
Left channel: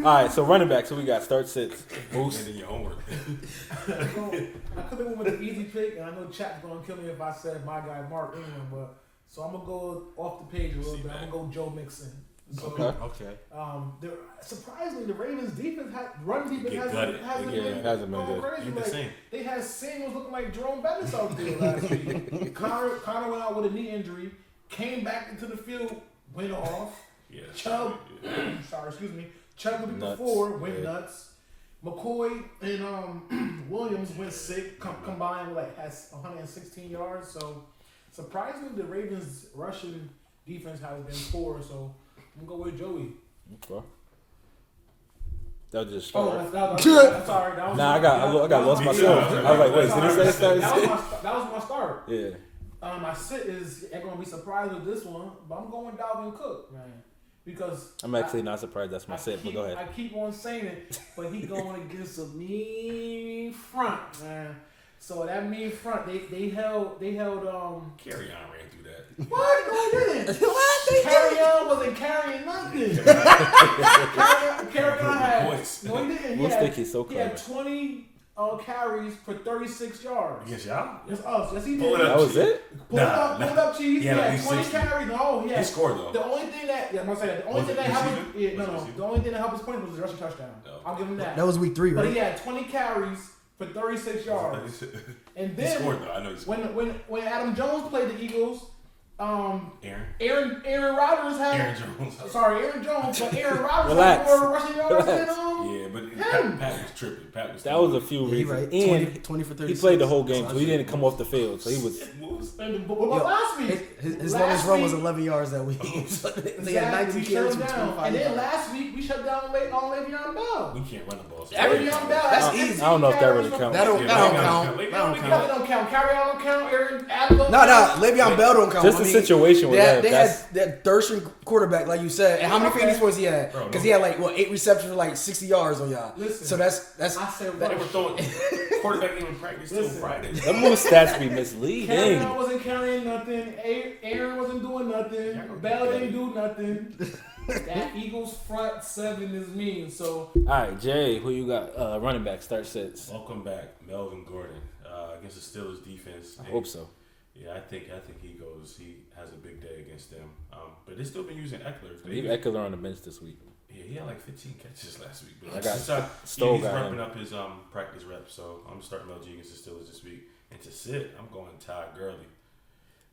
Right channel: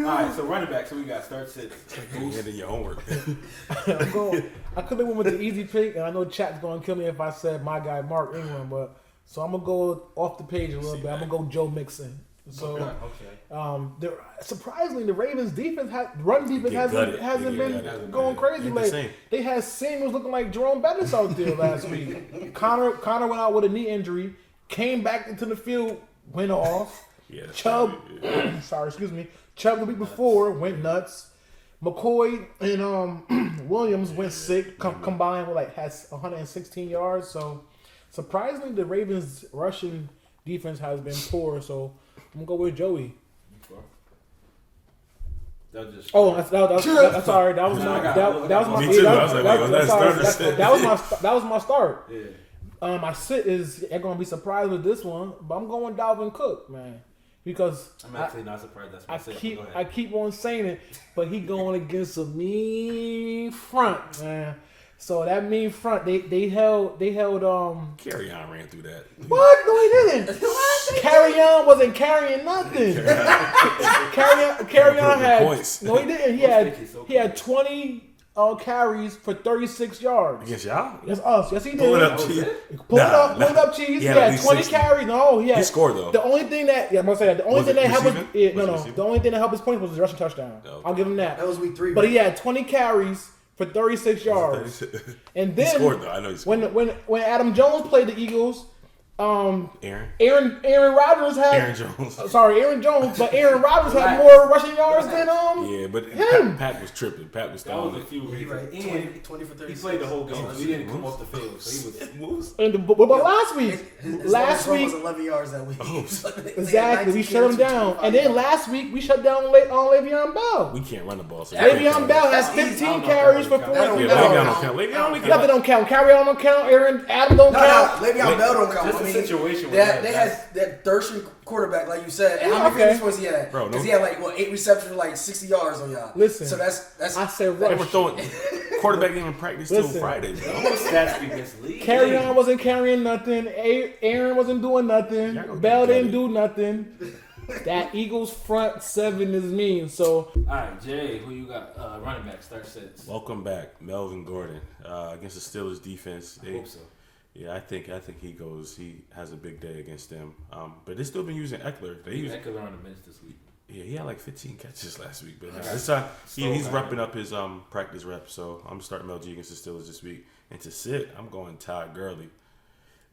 All right, so running back. So we got start sits. And then your homework. I could have went with the easy pick, and I know chat's gonna kill me if I said my guy Mark Ingram, but so I'm gonna go off the page a little See bit. I'm that. gonna go Joe Mixon. So, Okay. surprisingly, the Ravens defense, run defense Get gutted. hasn't They been get gutted. going crazy. Ain't the Like same. they had Samuels looking like Jerome Bettis out there last week. Connor went out with a knee injury, came back into the field, went off. Yeah, Chubb, yeah. Chubb the week Nuts. before went Yeah. nuts. McCoy and Williams went sick, combined with has 116 yards. So surprisingly, the Ravens' rushing defense has been poor. So I'm gonna go with Joey. Okay. That was just... Oh, that's sorry. That was Nah, my, I got- that, I that got was one. my Me too. I was start. like, that's Sorry, nervous. that was my start. Yeah. My sit is you're gonna be surprised with this one, but I'm going Dalvin Cook, man, because I'm actually not surprised that's my sit. But go I ahead. keep on saying it, but he going against a mean front, man. So that mean front, they held Carry on ran through that. what? No, he didn't. Carry on wasn't carrying nothing. Carry on had Points. no, he didn't. He had 20 carries for 36 yards. Against y'all? That's us. Yes, he did. Pull it up, That was Chief. it? Pull it Nah, up, nah. pull it up, cheese. He He had at had least 20 60. carries. No, he had. He scored though. The only thing that I'm gonna say that the only Was thing it that helped receiving? his Was it no. receiving? The only thing that helped his points was the rushing touchdown. Okay. I'll give him that. That was week 3, But right? he had 20 carries for 36 yards. And He then scored though. I know he scored. when Adam Jones played the Eagles, Aaron Aaron Rodgers had Aaron Jones. sorry Aaron Jones, but Aaron Rodgers had Relax. more rushing yards than Yeah, but him. Pat was tripping. Pat was That was throwing a few He reasons. right. And 20 for 36. he played the whole game, so he didn't come off the field. So he was... moves. But last week, His last longest run week was 11 yards that week. exactly we shut him down, and then last week we shut down Le'Veon Bell. We can't run the ball. So Le'Veon Bell has That's easy. 15 I don't know if that carries really for counts. 40 Yeah, That don't Le'Veon count. don't count. Le'Veon That don't don't Nothing don't count. Carry on don't count. Adam don't No, count. Le'Veon Bell don't count. Just I the mean, situation with They that. had that third string quarterback, like you said. And how many Okay. fantasy points he had? Bro, Because no. he had like 8 receptions for like 60 yards on y'all. Listen, so that's I said They were rush. throwing. Quarterback didn't even practice till Listen. Friday. Them little stats be misleading. Carry on wasn't carrying nothing. Aaron wasn't doing nothing. Y'all gonna Bell get didn't it. do nothing. That Eagles front 7 is mean. So All right, Jay, who you got? Running back, start sits. Welcome back, Melvin Gordon, against the Steelers defense. I hope so. Yeah, I think he goes. He has a big day against them. But they still been using Eckler. They Leave use, Eckler on the bench this week. yeah, he had like 15 catches last week. But I got this time Stowe he's got repping him. up his practice reps. So I'm starting LG against the Steelers this week. And to sit, I'm going Todd Gurley.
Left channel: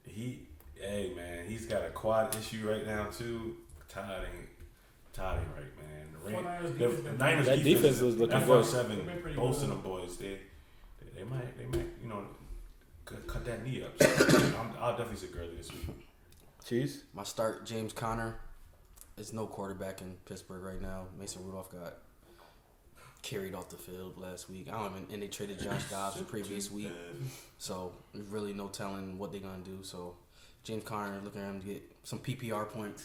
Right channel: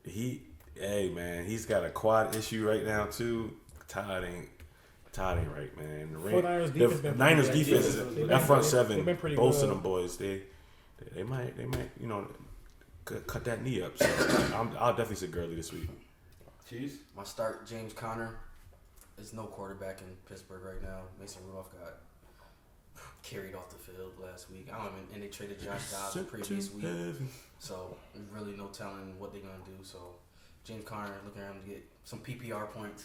Hey man, he's got a quad issue right now too. Todd ain't right, man. The 49ers defense the been Niners pretty good. defense, Defense was that looking front good. seven, They've been pretty both of good. them boys, they They might, cut that knee up. So I'll definitely say Gurley this week. Cheese? My start, James Conner. There's no quarterback in Pittsburgh right now. Mason Rudolph got carried off the field last week. And they traded Josh Dobbs the previous week. So there's really no telling what they're going to do. So James Conner, looking at him to get some PPR points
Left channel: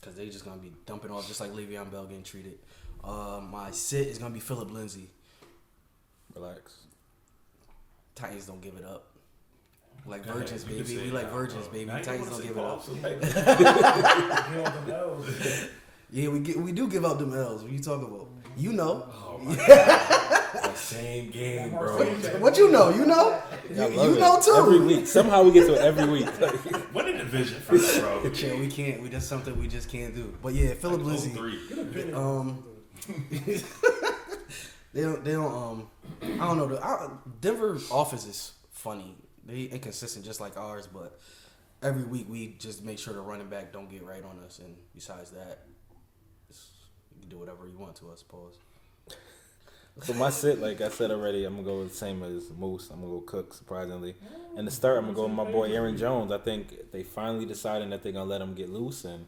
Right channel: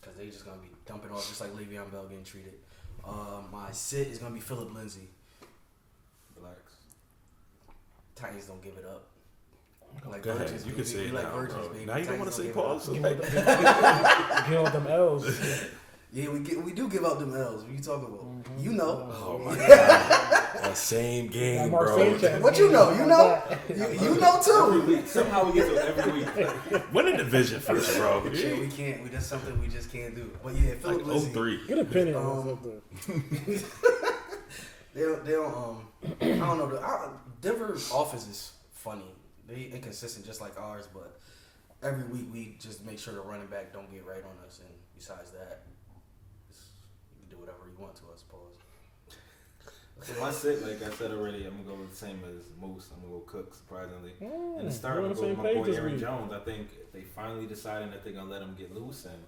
because they just going to be dumping off just like Le'Veon Bell getting treated. My sit is going to be Phillip Lindsay. Relax. Titans don't give it up. Like Go ahead. virgins, You can say baby. We it like now, virgins, bro. baby. Now you don't want to Titans say don't give pause. it up. Get on them L's. Yeah, we do give out them L's. What you talking about? You know. Oh my god. That same game, bro. What you know? You know? You know Every too. week. Somehow we get to it every week. Win the division first, bro. Yeah, we can't. That's something we just can't do. But yeah, Phillip Like Lindsay. 03. Get a penny on something. They don't. I don't know. Denver offense is funny. They inconsistent just like ours, but every week we just make sure the running back don't get right on us. And besides that, you can do whatever you want to, I suppose. So my sit, like I said already, I'm gonna go the same as Moose. I'm gonna go Cook, surprisingly. And the start, I'm gonna go with my boy Aaron Jones. I think they finally deciding that they're gonna let him get loose, and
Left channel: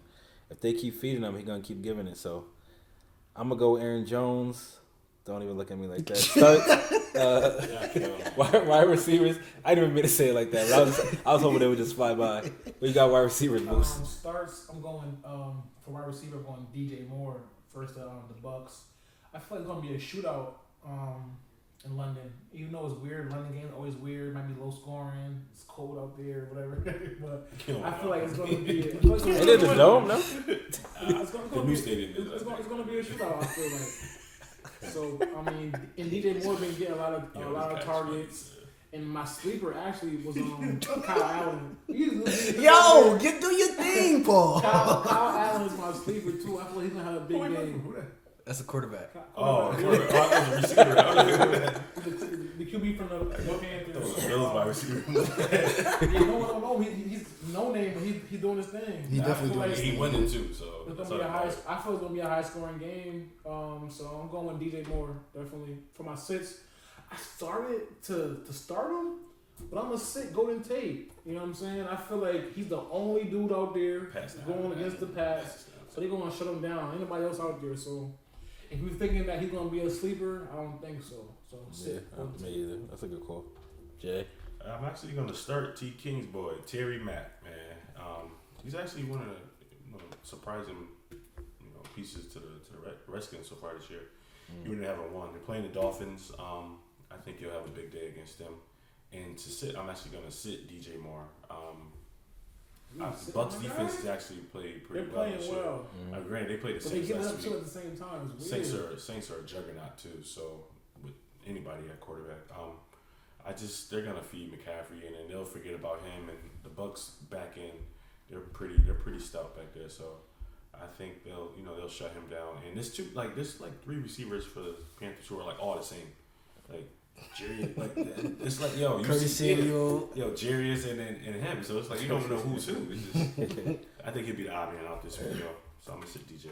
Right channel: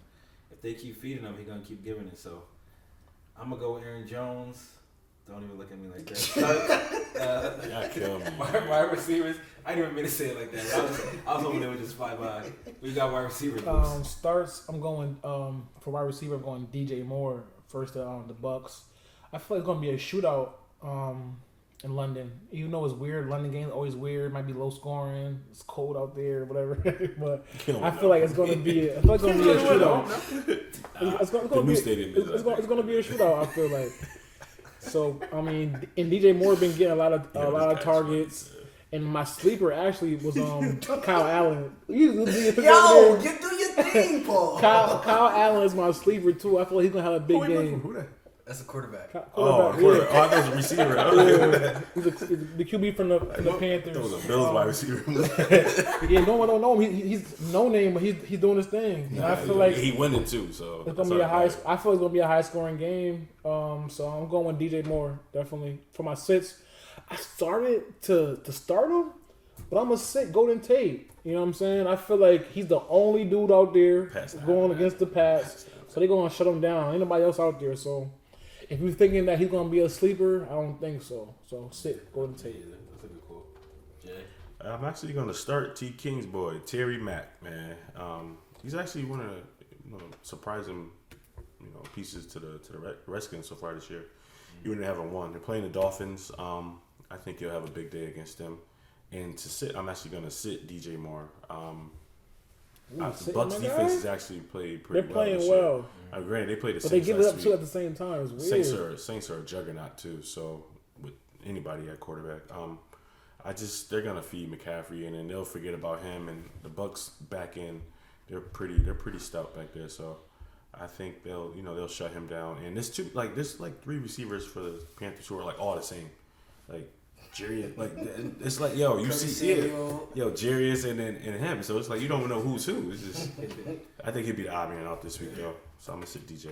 if they keep feeding him, he's gonna keep giving it. So I'm gonna go Aaron Jones. Don't even look at me like that. Wide receivers. I didn't even mean to say it like that. I was hoping they would just fly by. We got wide receivers, Moose. Starts. I'm going for wide receiver. I'm going DJ Moore first. The Bucks. I feel like it's gonna be a shootout in London. Even though it's weird, London games always weird. Might be low scoring. It's cold out there, whatever. But I feel like it's gonna be. It's gonna be a shootout. I feel like. So I mean, and DJ Moore been getting a lot of targets. And my sleeper actually was Kyle Allen. Do your thing, Paul. Kyle Allen is my sleeper too. I feel like he's gonna have a big game. Who that? That's a quarterback. Quarterback. I was a receiver. He's the QB from the Panthers. That was a Bills wide receiver. Yeah, no one don't know him. He's no name, but he's doing his thing. I feel like he winning too. So it's gonna be I feel it's gonna be a high scoring game. So I'm going with DJ Moore definitely for my sits. I started to start him, but I'm gonna sit Golden Tate. You know what I'm saying? I feel like he's the only dude out there going against the pass. So they're gonna shut him down. Ain't nobody else out there. So if you're thinking that he's gonna be a sleeper, I don't think so. So sit Golden Tate. That's a good call. Jay. I'm actually gonna start T King's boy, Terry Mack, man. He's actually one of the surprising pieces to the Redskins so far this year. Even they haven't won. They're playing the Dolphins. I think he'll have a big day against them. And to sit, I'm actually gonna sit DJ Moore. The Bucks defense has actually played pretty well. They're playing well. Granted, they played the but Saints they give it up too at the same time. It's weird. Saints are a juggernaut too. So with anybody at quarterback, they're gonna feed McCaffrey and then they'll forget about him. And the Bucks back end, they're pretty stout back there. So I think they'll shut him down. And there's three receivers for the Panthers who are like all the same, like. Jerry, it's like you see Jarius and him, so it's like you don't even know who's who. It's just, I think he'll be the odd man out this week, So I'm gonna sit DJ.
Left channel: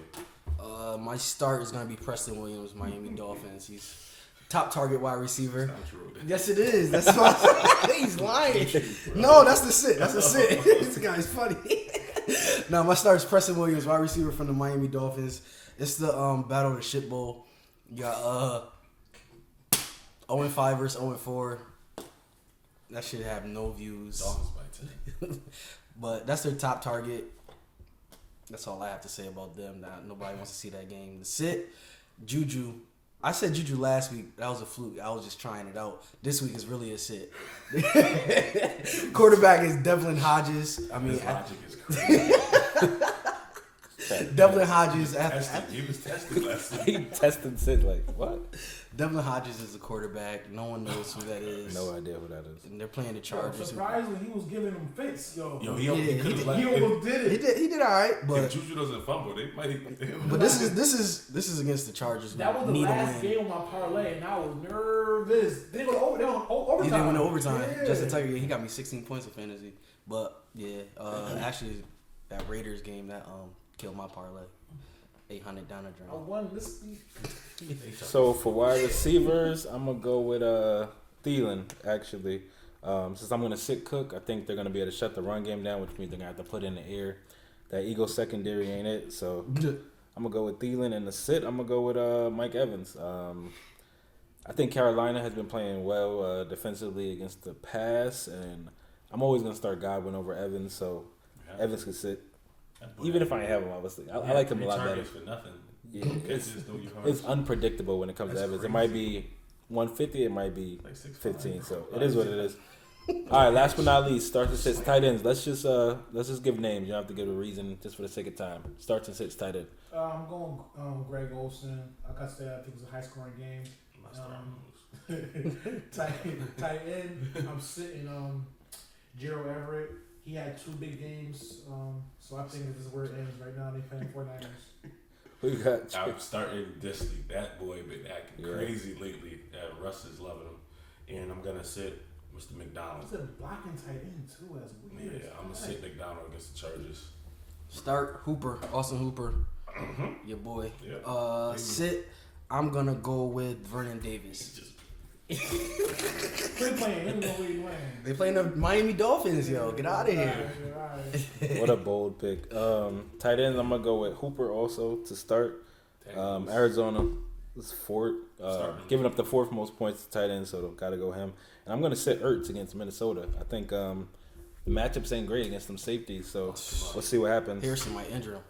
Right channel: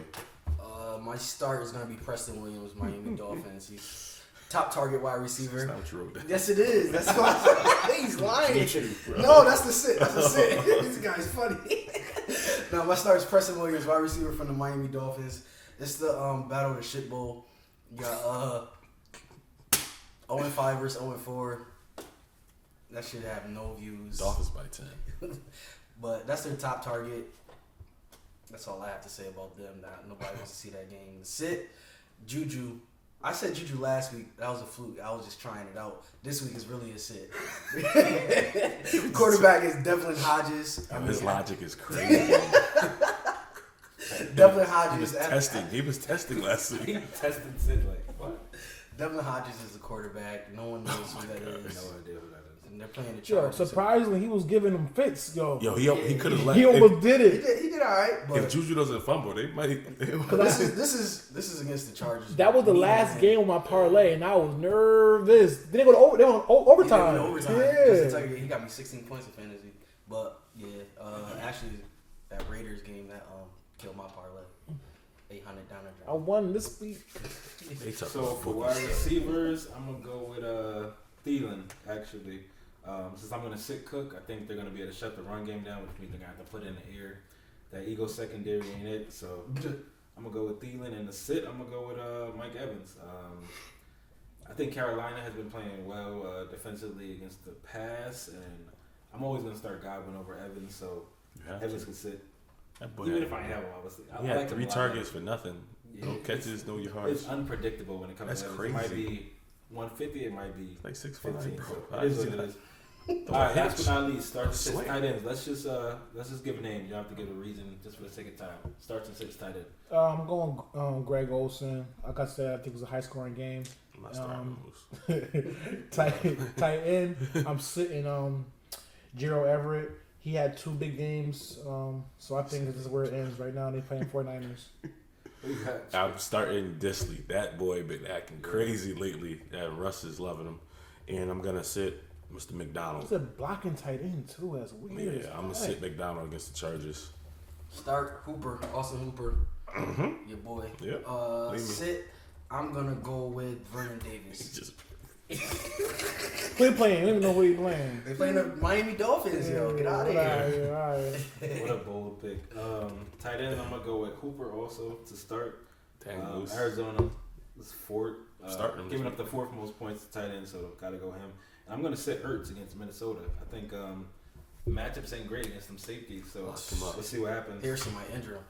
My start is gonna be Preston Williams, Miami Dolphins. He's top target wide receiver. That's not true. Yes, it is. That's why he's lying. No, that's the sit. That's the sit. This guy's funny. No, my start is Preston Williams, wide receiver from the Miami Dolphins. It's the Battle of the Shit Bowl. You got 0-5 versus 0-4. That should have no views. Dolphins by 10. But that's their top target. That's all I have to say about them. Nobody wants to see that game. The sit, Juju. I said Juju last week. That was a fluke. I was just trying it out. This week is really a sit. Quarterback is Devlin Hodges. His logic is crazy. Devlin Hodges. He was testing last week. He tested sit like what? Devlin Hodges is the quarterback. No one knows who that is. No idea who that is. And they're playing the Chargers. Surprisingly, he was giving them fits, he could have left. He almost did it. He did all right. But if Juju doesn't fumble, they might. But this is against the Chargers. That was the last game of my parlay, and I was nervous. They didn't go to overtime. They went to overtime. Yeah. Just to tell you, he got me 16 points of fantasy. But yeah, actually, that Raiders game that killed my parlay. $800 down the I drain. won this week. So for wide receivers, I'm gonna go with Thielen actually. Since I'm gonna sit Cook, I think they're gonna be able to shut the run game down, which means they're gonna have to put in the air. That Eagles secondary ain't it, so I'm gonna go with Thielen. And the sit, I'm gonna go with Mike Evans. I think Carolina has been playing well defensively against the pass, and I'm always gonna start Godwin over Evans, so Evans can sit. Even if I ain't have him, obviously. I like him a lot. 3 targets for nothing. Yeah, No catches, no yards. It's unpredictable when it comes to Evans. Crazy. It might be 150, it might be like 6'5", 15. bro. So it is what it is. All right, last but not least, starts and sits tight ends. Let's just give names. You don't have to give a reason, just for the sake of time. Starts and sits tight end. I'm going Greg Olsen. Like I said, I think it was a high scoring game. Tight end. I'm sitting Gerald Everett. He had 2 big games, so I think this is where it ends right now. They playing 49ers. Who you got? I'm starting Disley. That boy been acting crazy lately. Russ is loving him. And I'm going to sit Mr. McDonald. He's a blocking tight end, too. That's weird. Yeah, I'm going to sit McDonald against the Chargers. Start Hooper, Austin Hooper, your boy. Yeah. Sit. I'm gonna go with Vernon Davis. Who he playing? I don't know who he playing. They playing the Miami Dolphins, yo. Get out of here. All right. What a bold pick. Tight ends, I'm going to go with Hooper also to start. Arizona is fourth. Giving up the 4th most points to tight end, so got to go him. And I'm going to sit Ertz against Minnesota. I think the matchups ain't great against them safeties, so let's see what happens. Harrison might injure him.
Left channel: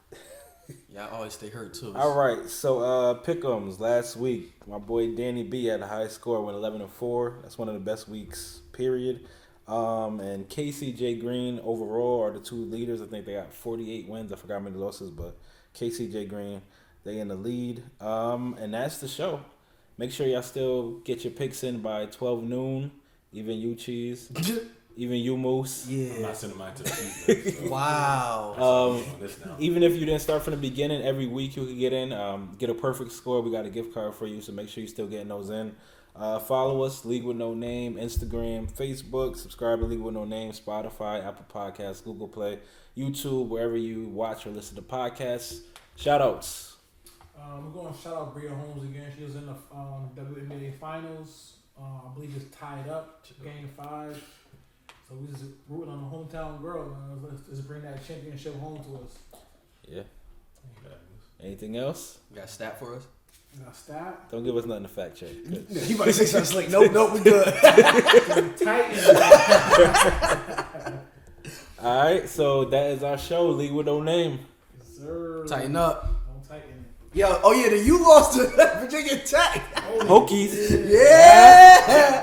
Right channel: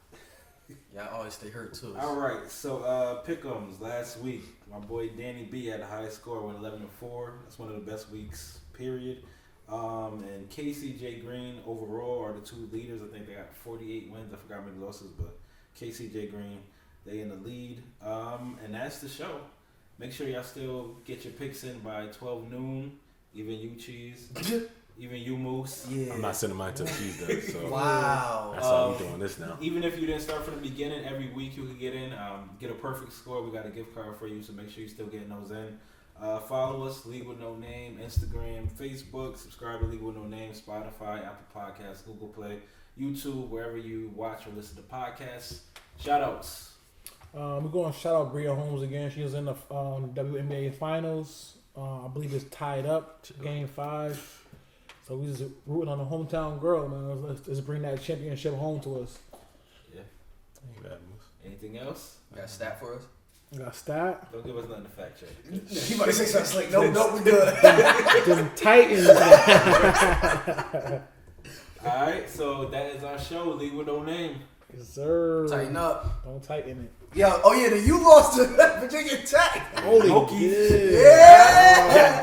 Yeah, I always stay hurt too. All right, so pick'ems last week. My boy Danny B had a high score, went 11-4. That's one of the best weeks, period. And Casey, Jay Green overall are the 2 leaders. I think they got 48 wins. I forgot how many losses, but Casey, Jay Green, they in the lead. And that's the show. Make sure y'all still get your picks in by 12 noon. Even you, Cheese. Even you, Moose. Yeah. I'm not sending mine to Tuesday. So Wow. That's how I'm doing this now. Even if you didn't start from the beginning, every week you can get in. Get a perfect score. We got a gift card for you, so make sure you're still getting those in. Follow us, League with No Name, Instagram, Facebook. Subscribe to League with No Name, Spotify, Apple Podcasts, Google Play, YouTube, wherever you watch or listen to podcasts. Shout-outs. We're going to shout out Bria Holmes again. She was in the WNBA Finals. I believe it's tied up, Game 5. So we just rooting on the hometown girl, man. Let's bring that championship home to us. Yeah. Anything else? You got a stat for us? You got a stat? Don't give us nothing to fact check. You about to say something slick. Nope, we good. The Titans. All right, so that is our show, League with No Name. Yes, sir. Tighten up. Don't tighten it. Yo, then you lost to Virginia Tech. Hokies. Yeah.